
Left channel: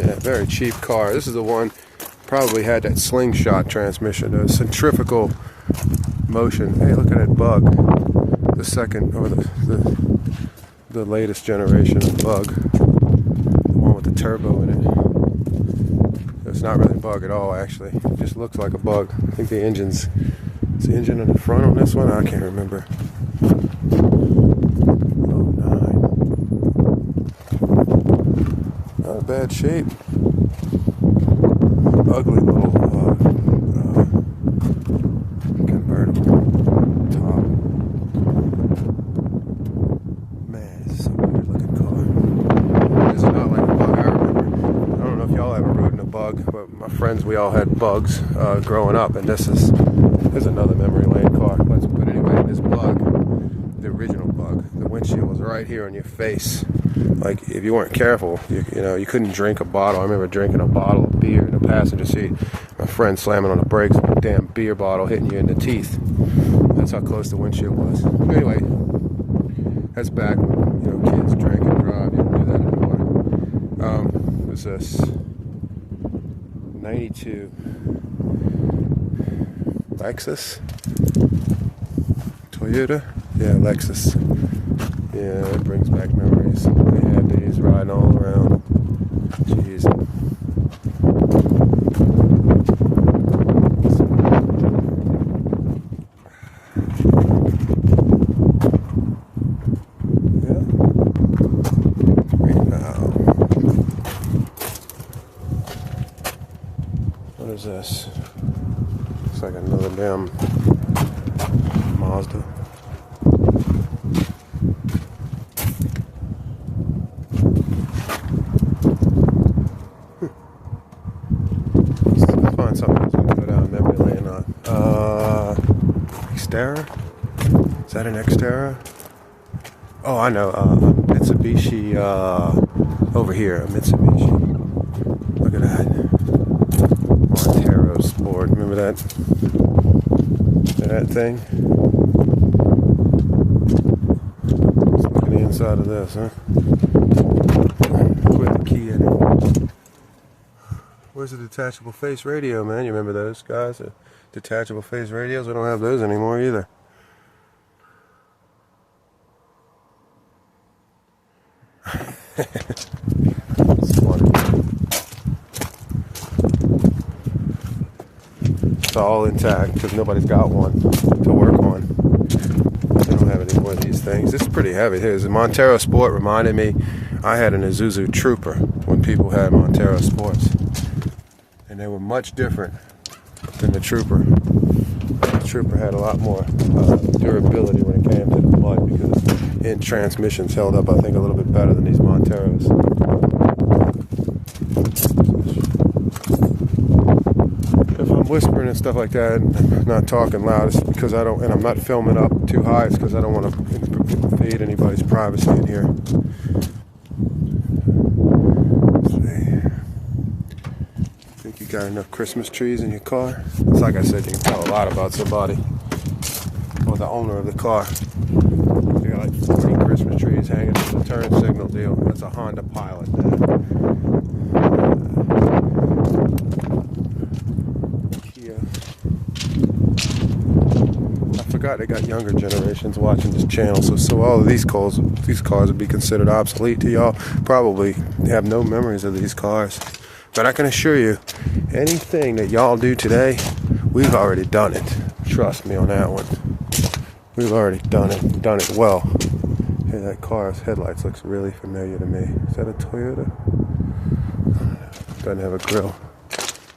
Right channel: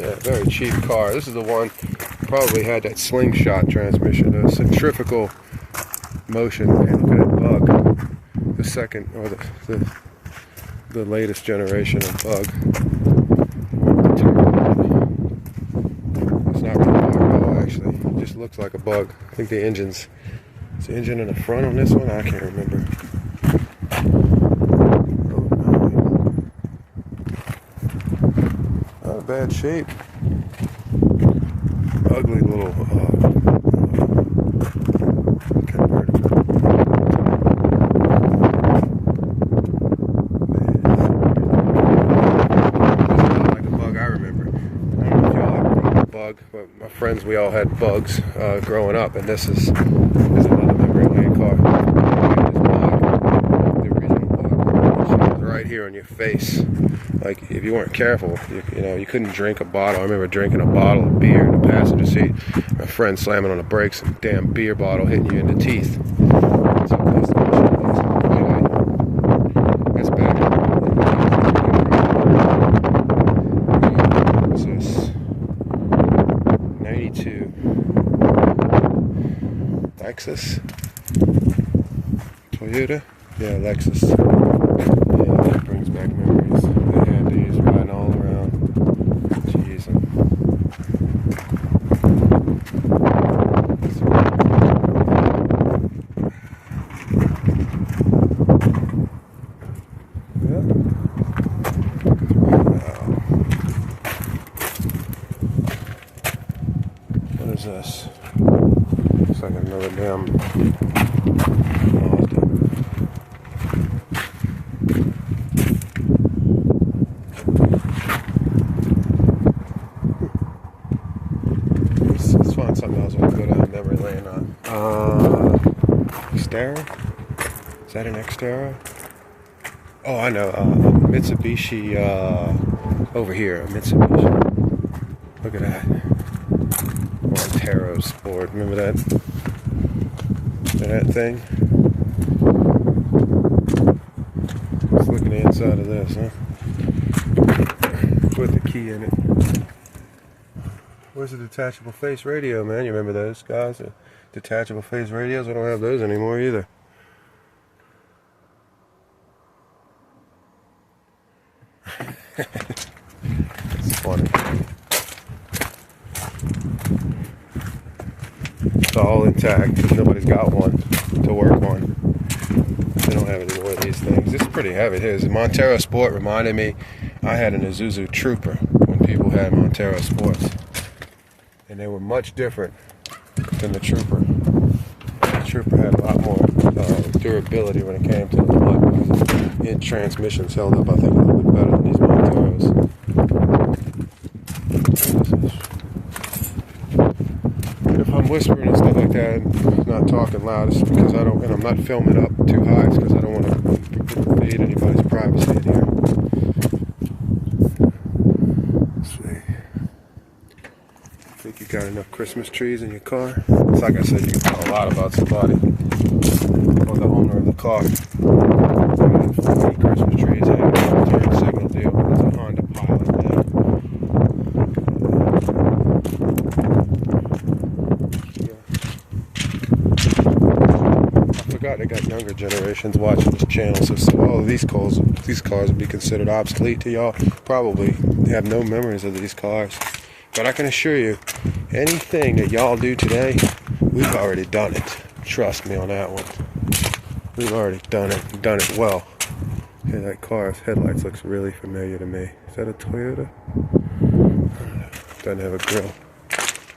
Yeah, very cheap car. This is the one probably had that slingshot transmission, the centrifugal motion. Hey, look at that Bug. The second, or the latest generation of Bug. The one with the turbo. It's not really a Bug at all, actually. It just looks like a Bug. I think the engine's... Is the engine in the front on this one? I can't remember. Not a bad shape. Ugly little convertible. This is not like a Bug I remember. I don't know if y'all ever rode a Bug, but my friends, we all had Bugs growing up, and this is another memory lane car. This Bug, the original Bug, she was right here on your face. Like, if you weren't careful, you know, you couldn't drink a bottle. I remember drinking a bottle of beer in the passenger seat. My friend slamming on the brakes, a damn beer bottle hitting you in the teeth. That's how close the machine was. Anyway, that's back. What's this? 92. Lexus? Toyota? Yeah, Lexus. Yeah, that brings back memories. They had these riding all around. Jeez. Yeah. Now, what is this? Looks like another damn Mazda. Let's find something else we can go down memory lane on. Xterra? Is that an Xterra? Oh, I know. Mitsubishi over here. A Mitsubishi. Look at that. Montero Sport. Remember that? That thing? Let's look at the inside of this, huh? Put the key in it. Where's the detachable face radio, man? You remember those guys? The detachable face radios? We don't have those anymore either. It's funny. It's all intact because nobody's got one to work on. They don't have any more of these things. This is pretty heavy. Here's a Montero Sport. Reminded me, I had an Isuzu Trooper when people had Montero Sports. And they were much different than the Trooper. The Trooper had a lot more durability when it came to the mud because the transmissions held up, I think, a little bit better than these Monteros. If I'm whispering and stuff like that, not talking loud, it's because I don't, and I'm not filming up too high, it's because I don't want to invade anybody's privacy in here. Think you got enough Christmas trees in your car? It's like I said, you can tell a lot about somebody or the owner of the car. They got like 15 Christmas trees hanging on a turn signal deal. It's a Honda Pilot now. I forgot they got younger generations watching this channel, so all of these cars would be considered obsolete to y'all. Probably have no memories of these cars. But I can assure you, anything that y'all do today, we've already done it. Trust me on that one. We've already done it well. Hey, that car's headlights looks really familiar to me. Is that a Toyota? Doesn't have a grill.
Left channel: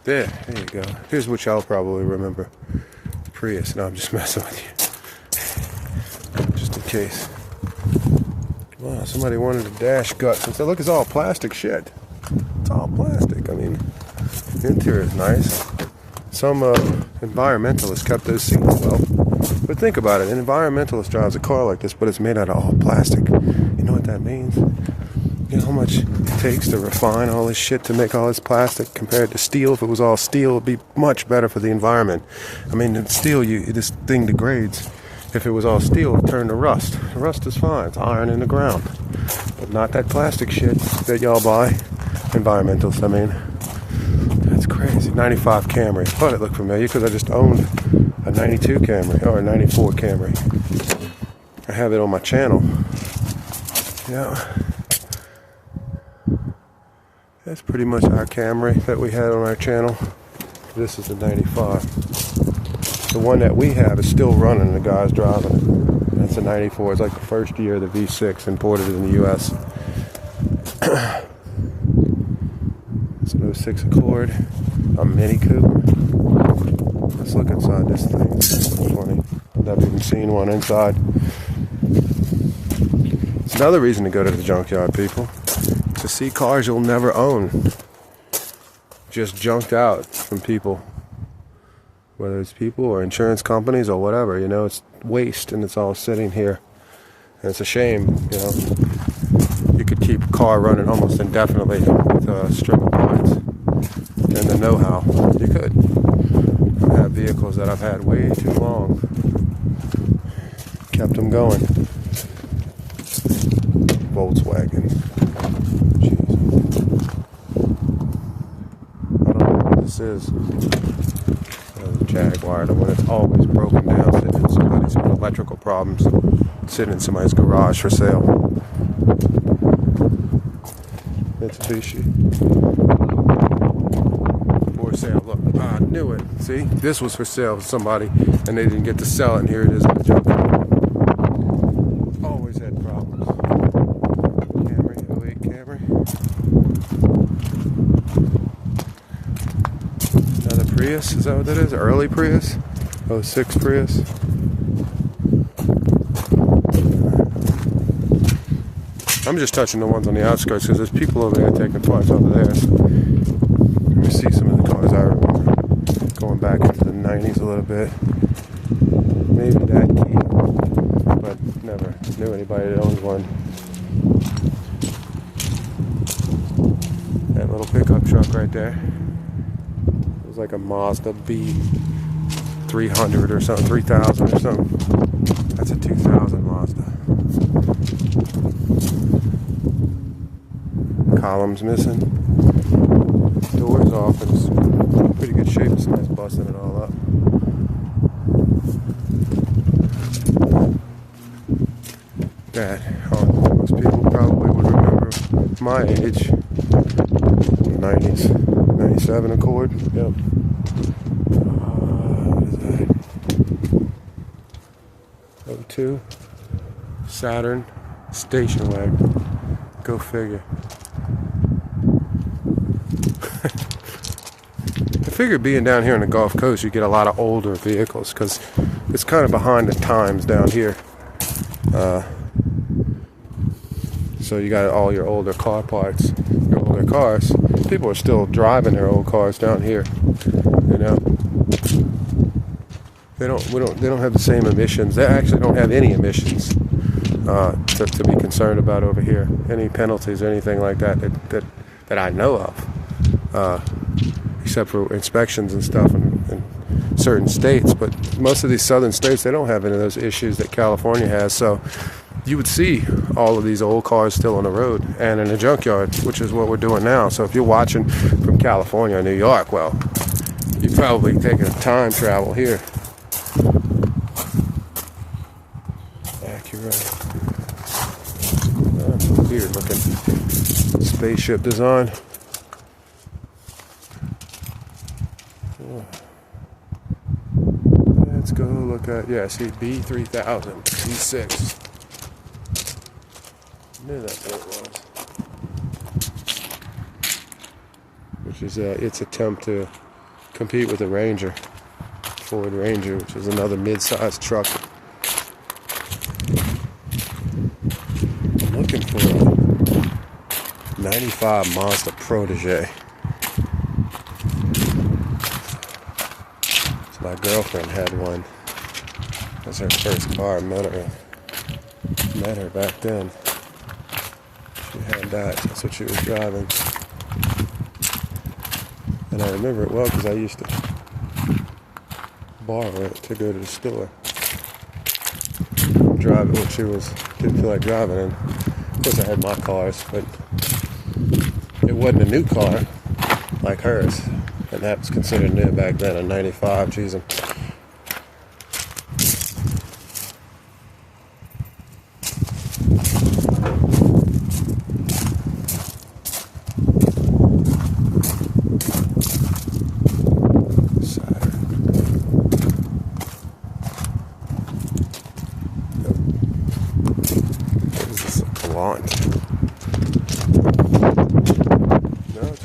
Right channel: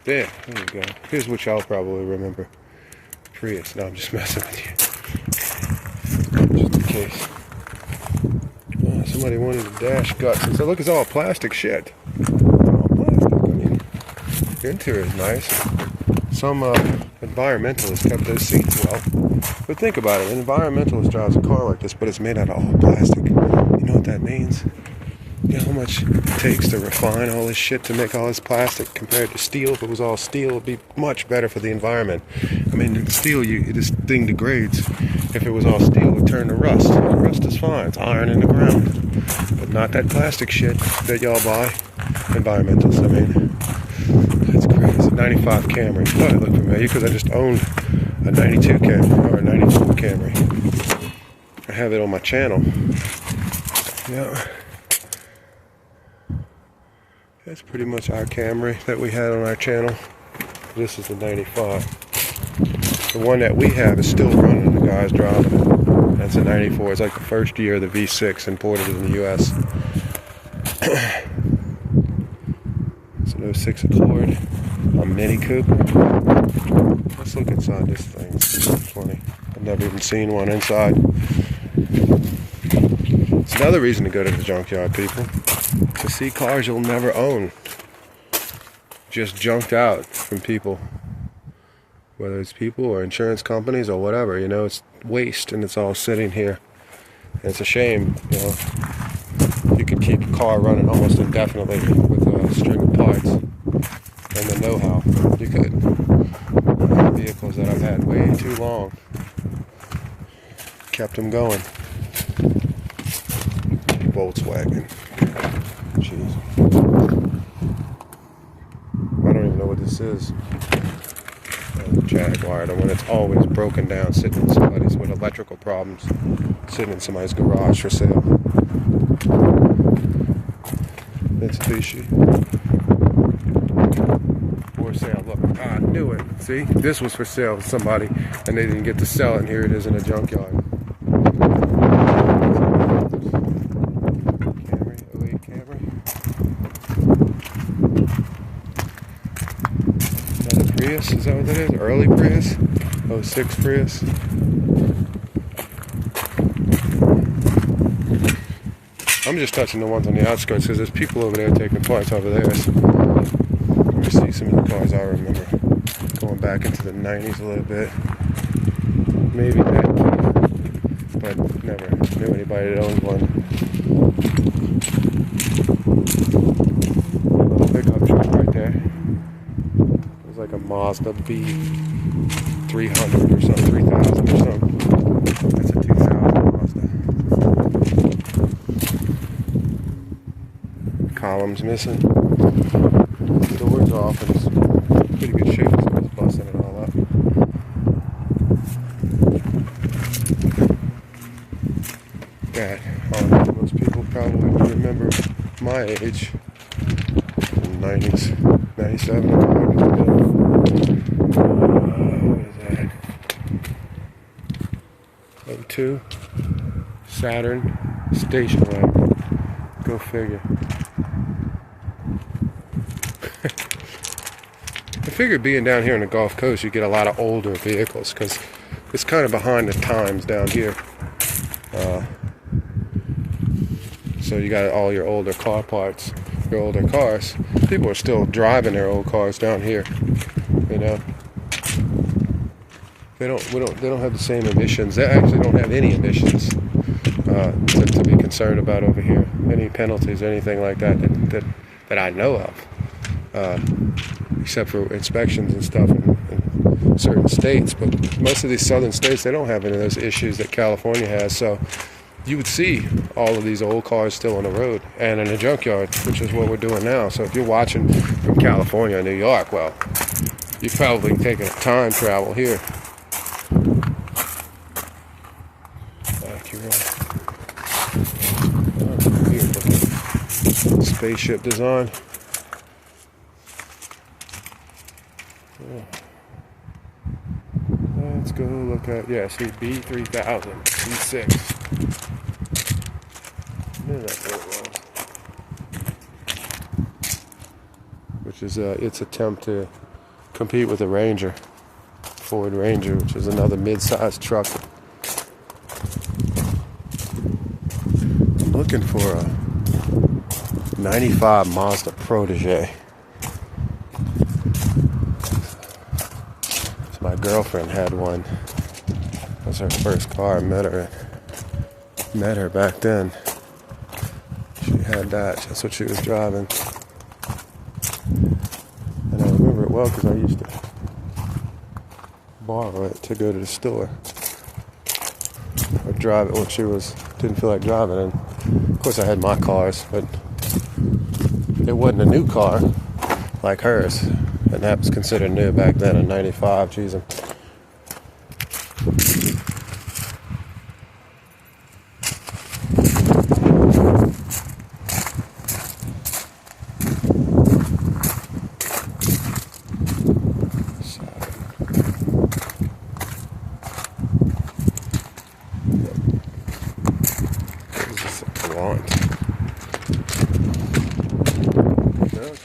There you go. Here's what y'all probably remember. Prius. No, I'm just messing with you. Just in case. Wow, somebody wanted a dash guts. And so look, it's all plastic shit. It's all plastic. I mean, the interior is nice. Some environmentalist kept those seats well. But think about it. An environmentalist drives a car like this, but it's made out of all plastic. You know what that means? You know how much it takes to refine all this shit to make all this plastic compared to steel? If it was all steel, it would be much better for the environment. I mean, in steel, this thing degrades. If it was all steel, it would turn to rust. Rust is fine. It's iron in the ground. But not that plastic shit that y'all buy. Environmentalists, I mean. That's crazy. 95 Camry. Thought it looked familiar because I just owned a 92 Camry or a 94 Camry. I have it on my channel. Yeah. That's pretty much our Camry that we had on our channel. This is the 95. The one that we have is still running. The guy's driving it. That's a 94. It's like the first year of the V6 imported in the U.S. It's an 06 Accord. A Mini Coupe. Let's look inside this thing. It's funny. I've never even seen one inside. It's another reason to go to the junkyard, people. To see cars you'll never own. Just junked out from people. Whether it's people or insurance companies or whatever, you know, it's waste and it's all sitting here. And it's a shame, you know. You could keep a car running almost indefinitely with a string of parts and the know-how. You could. Vehicles that I've had way too long. Kept them going. Volkswagen. Jeez. I don't know what this is. Jaguar, the one that's always broken down, sitting in somebody's with electrical problems, sitting in somebody's garage for sale. Mitsubishi. For sale. Look, I knew it. See, this was for sale to somebody, and they didn't get to sell it. And here it is in the junkyard. Camry, 08 Camry. Another Prius, is that what that is? Early Prius? 06 Prius. I'm just touching the ones on the outskirts because there's people over there taking parts over there. So let me see some of the cars I remember. Going back into the 90s a little bit. Maybe that too. But never knew anybody that owned one. That little pickup truck right there. It was like a Mazda B300 or something, 3000 or something. That's a 2000 Mazda. Columns missing. Doors off, and it's in pretty good shape. Somebody's busting it all up. That most people probably will remember my age. 90s, 97 Accord. What is that? 02 Saturn station wagon. Go figure. I figured being down here on the Gulf Coast, you get a lot of older vehicles because it's kind of behind the times down here. So you got all your older car parts, your older cars. People are still driving their old cars down here. You know, they don't have the same emissions. They actually don't have any emissions to be concerned about over here. Any penalties, anything like that I know of. Except for inspections and stuff in certain states, but most of these southern states, they don't have any of those issues that California has. So you would see all of these old cars still on the road and in a junkyard, which is what we're doing now. So if you're watching from California or New York, well, you're probably taking a time travel here. Acura. Oh, weird looking spaceship design. Let's go look at, yeah, see, B3000, B6. I knew that's what it was. Which is its attempt to compete with the Ranger. Ford Ranger, which is another mid-sized truck. I'm looking for a 95 Mazda Protege. So my girlfriend had one. That was her first car. I met her back then. She had that. That's what she was driving. And I remember it well because I used to borrow it to go to the store. Drive it when she didn't feel like driving. And of course I had my cars, but it wasn't a new car like hers. And that was considered new back then, a 95. Geez, no,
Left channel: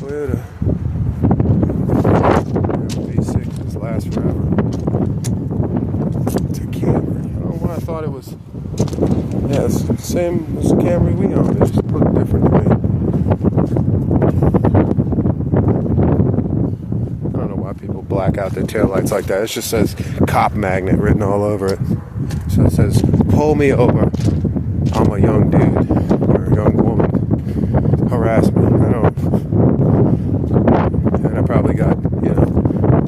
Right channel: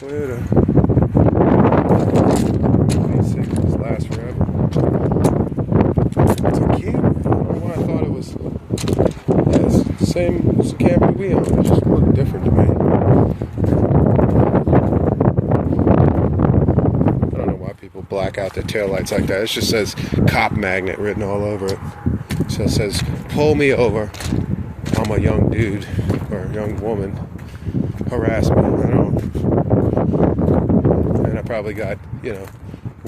Toyota. V6 just lasts forever. It's a Camry. I don't know why I thought it was. Yeah, it's the same as the Camry we own. It just looked different to me. I don't know why people black out their taillights like that. It just says cop magnet written all over it. So it says, pull me over. I'm a young dude or a young woman. Harass me. And I probably got,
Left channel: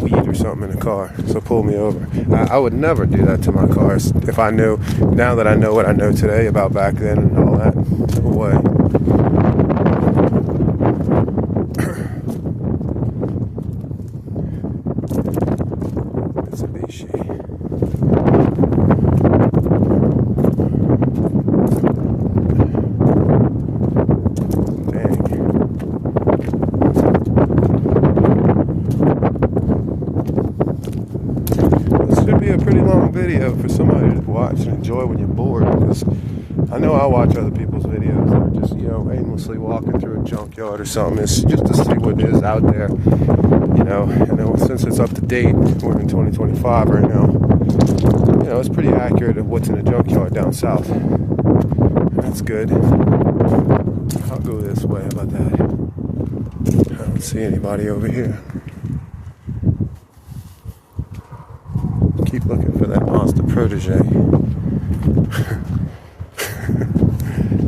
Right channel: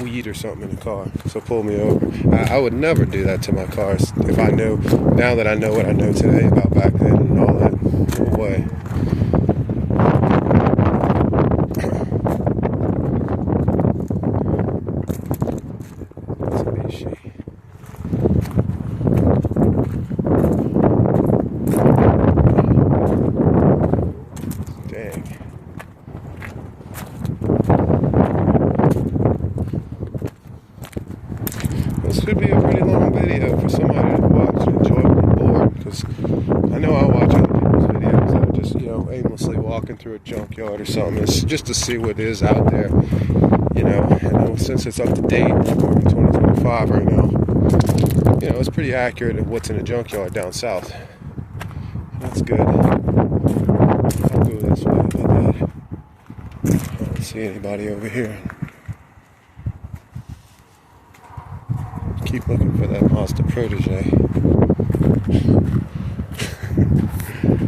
weed or something in the car. So pull me over. I would never do that to my cars if I knew, now that I know what I know today about back then and all that. No way. Should be a pretty long video for somebody to watch and enjoy when you're bored, because I know I watch other people's videos that are just, aimlessly walking through a junkyard or something. It's just to see what is out there, and since it's up to date, we're in 2025 right now, it's pretty accurate of what's in a junkyard down south. That's good. I'll go this way about that. I don't see anybody over here. Keep looking for that Mazda Protege.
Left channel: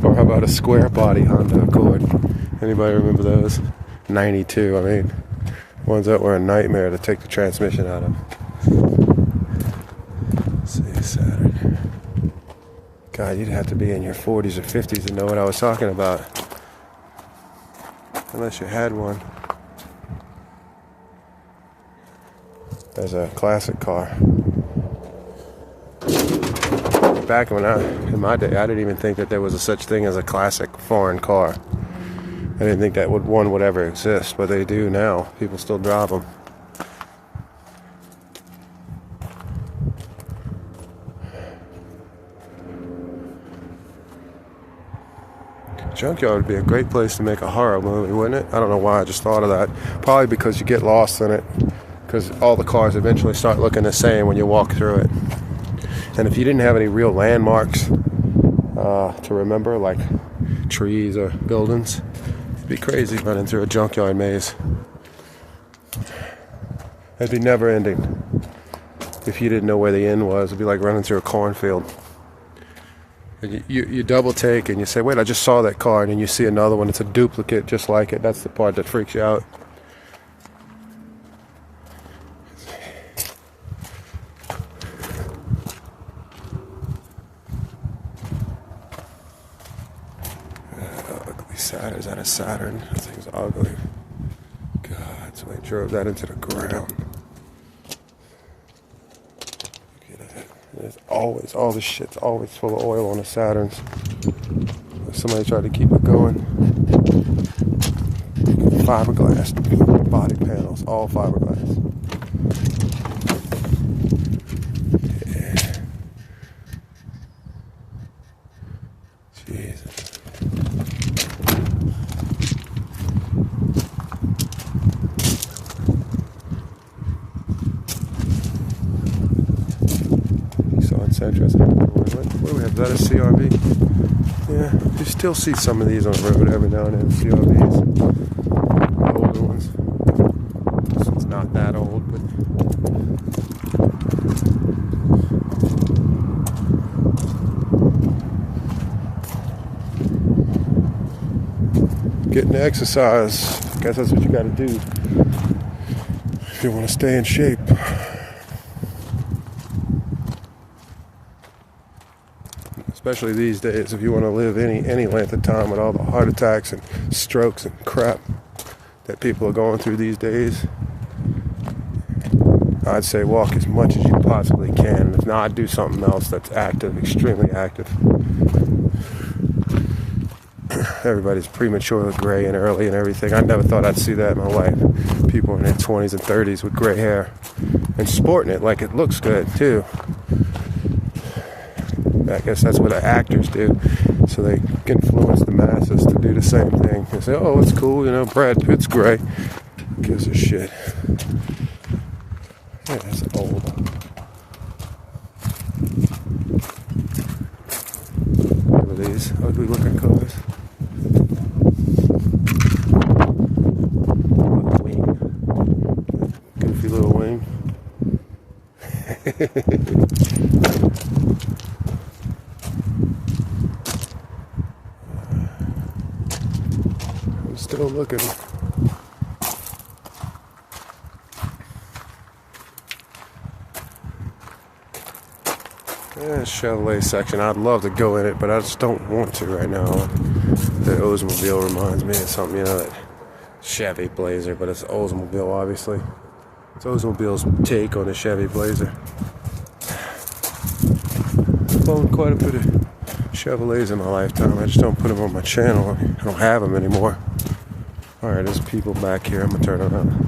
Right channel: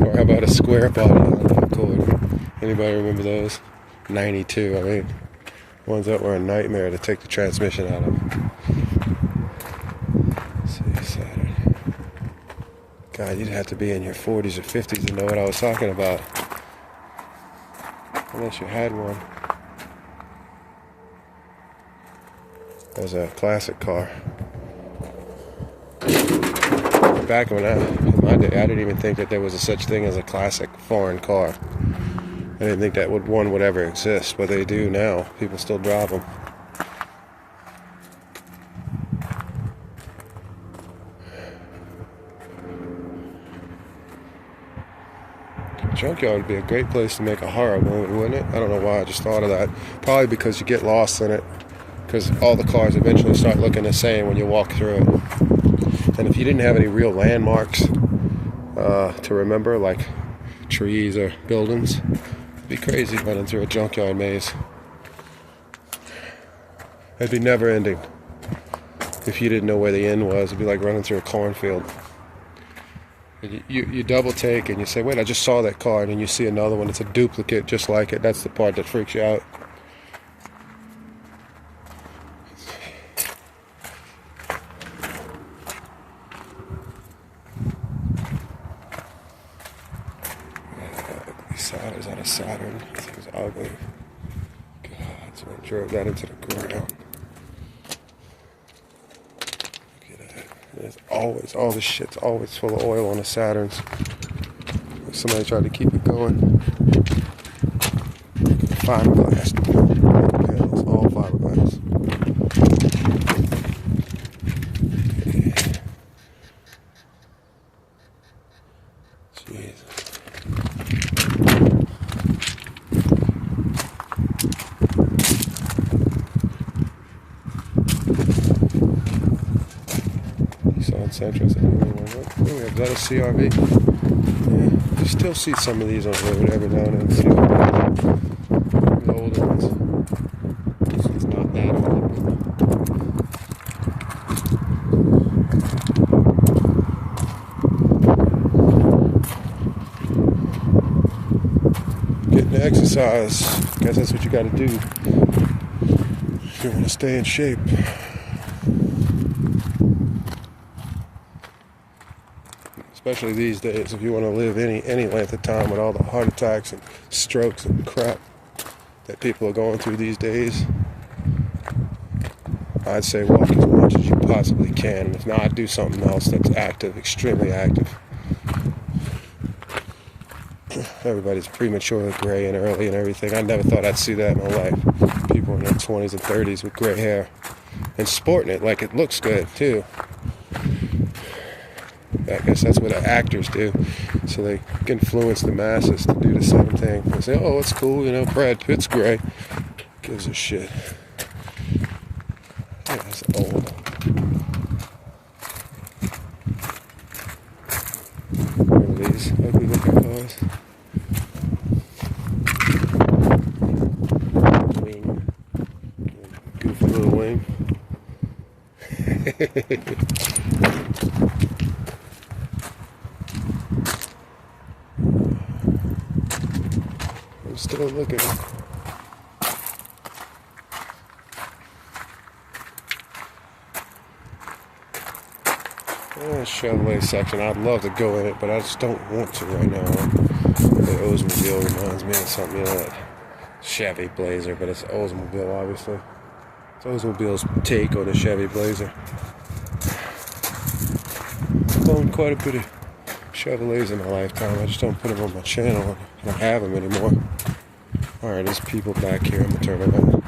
Or how about a square body Honda Accord? Anybody remember those? 92, I mean, ones that were a nightmare to take the transmission out of. Let's see, Saturn. God, you'd have to be in your 40s or 50s to know what I was talking about. Unless you had one. There's a classic car. Back in my day, I didn't even think that there was a such thing as a classic foreign car. I didn't think that one would ever exist, but they do now. People still drive them. Junkyard would be a great place to make a horror movie, wouldn't it? I don't know why I just thought of that. Probably because you get lost in it. Because all the cars eventually start looking the same when you walk through it. And if you didn't have any real landmarks to remember, like trees or buildings, it'd be crazy running through a junkyard maze. It'd be never ending. If you didn't know where the end was, it'd be like running through a cornfield. And you double take and you say, wait, I just saw that car, and then you see another one. It's a duplicate just like it. That's the part that freaks you out. Saturn, is that a Saturn? That thing's ugly. God, so I drove that into the ground. Look at it. There's always, all this shit's always full of oil on the Saturns. Somebody tried to keep it going. Fiberglass panels, all fiberglass. Yeah. Jesus. interesting. What do we have? Is that a CRV? Yeah, you still see some of these on the road every now and then. CRVs. Old ones. This one's not that old, but getting exercise. Guess that's what you got to do if you want to stay in shape. Especially these days, if you want to live any length of time with all the heart attacks and strokes and crap that people are going through these days, I'd say walk as much as you possibly can. If not, do something else that's active, extremely active. Everybody's prematurely gray and early and everything. I never thought I'd see that in my life. People in their 20s and 30s with gray hair and sporting it like it looks good too. I guess that's what the actors do, so they influence the masses to do the same thing. They say, oh, it's cool, you know, Brad Pitt's gray. Who gives a shit? Yeah, that's old. Look at these ugly looking cars. Wing. Goofy little wing. I'm still looking. Yeah, Chevrolet section. I'd love to go in it, but I just don't want to right now. The Oldsmobile reminds me of something, you know, that Chevy Blazer, but it's Oldsmobile, obviously. It's Oldsmobile's take on the Chevy Blazer. I've owned quite a bit of Chevrolets in my lifetime. I just don't put them on my channel. I don't have them anymore. Alright, there's people back here. I'm going to turn around.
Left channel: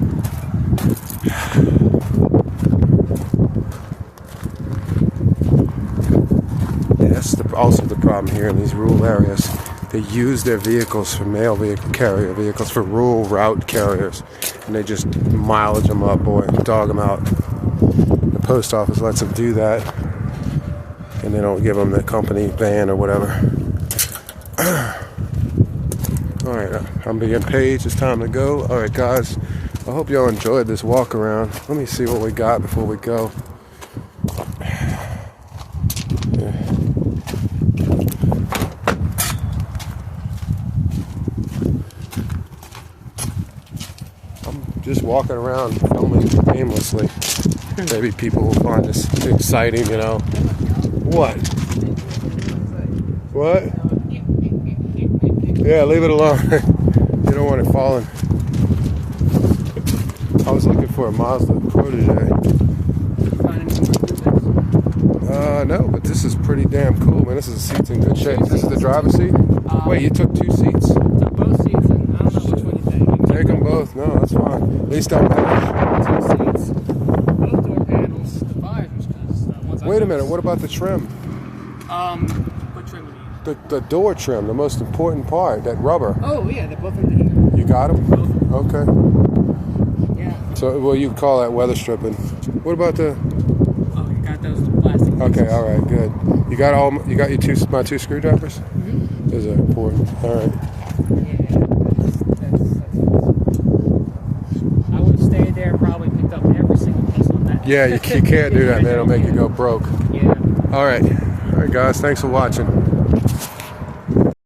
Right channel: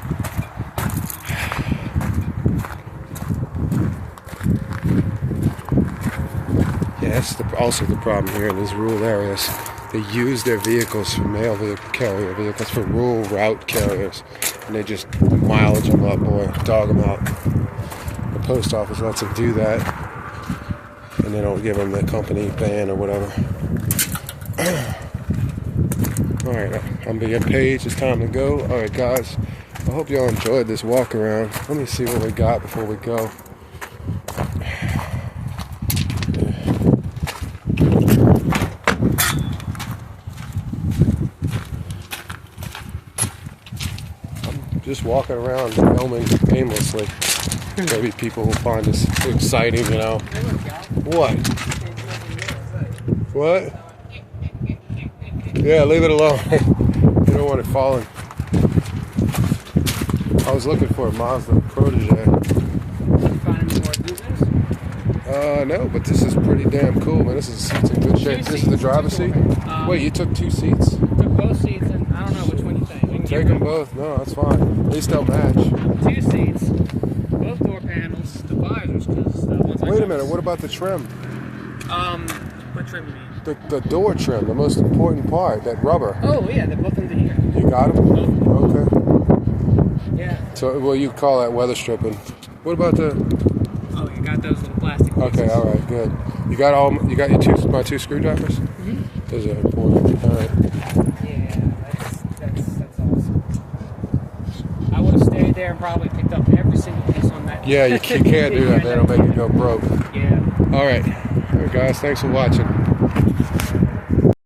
Yeah, that's also the problem here in these rural areas. They use their vehicles for mail vehicle carrier vehicles for rural route carriers. And they just mileage them up, boy, dog them out. The post office lets them do that. And they don't give them the company van or whatever. Alright, I'm being paid. It's time to go. Alright, guys. I hope y'all enjoyed this walk around. Let me see what we got before we go. I'm just walking around filming aimlessly. Maybe people will find this exciting, you know. What? What? Yeah, leave it alone. You don't want it falling. I was looking for a Mazda Protege. No, but this is pretty damn cool, man. This is a seat's in good shape. This is the driver's seat? Wait, you took two seats? Took both seats, and I don't know which one you think. Take them both. No, that's fine. At least I'm not. Two seats, both door panels, the visors. Wait a minute, what about the trim? What trim do you mean? The door trim, the most important part, that rubber. Oh, yeah, they're both under here. You got them? Both. Okay. Yeah. So, well, you call that weather stripping. What about the... Oh, you got those little plastic pieces. Okay, all right, good. You got your my two screwdrivers? Mm-hmm. Those are important. All right. Yeah, that's awesome. I would have stayed there and probably picked up every single piece on that. Yeah, you can't do that, man. It'll make you go broke. Yeah. All right. All right, guys. Thanks for watching.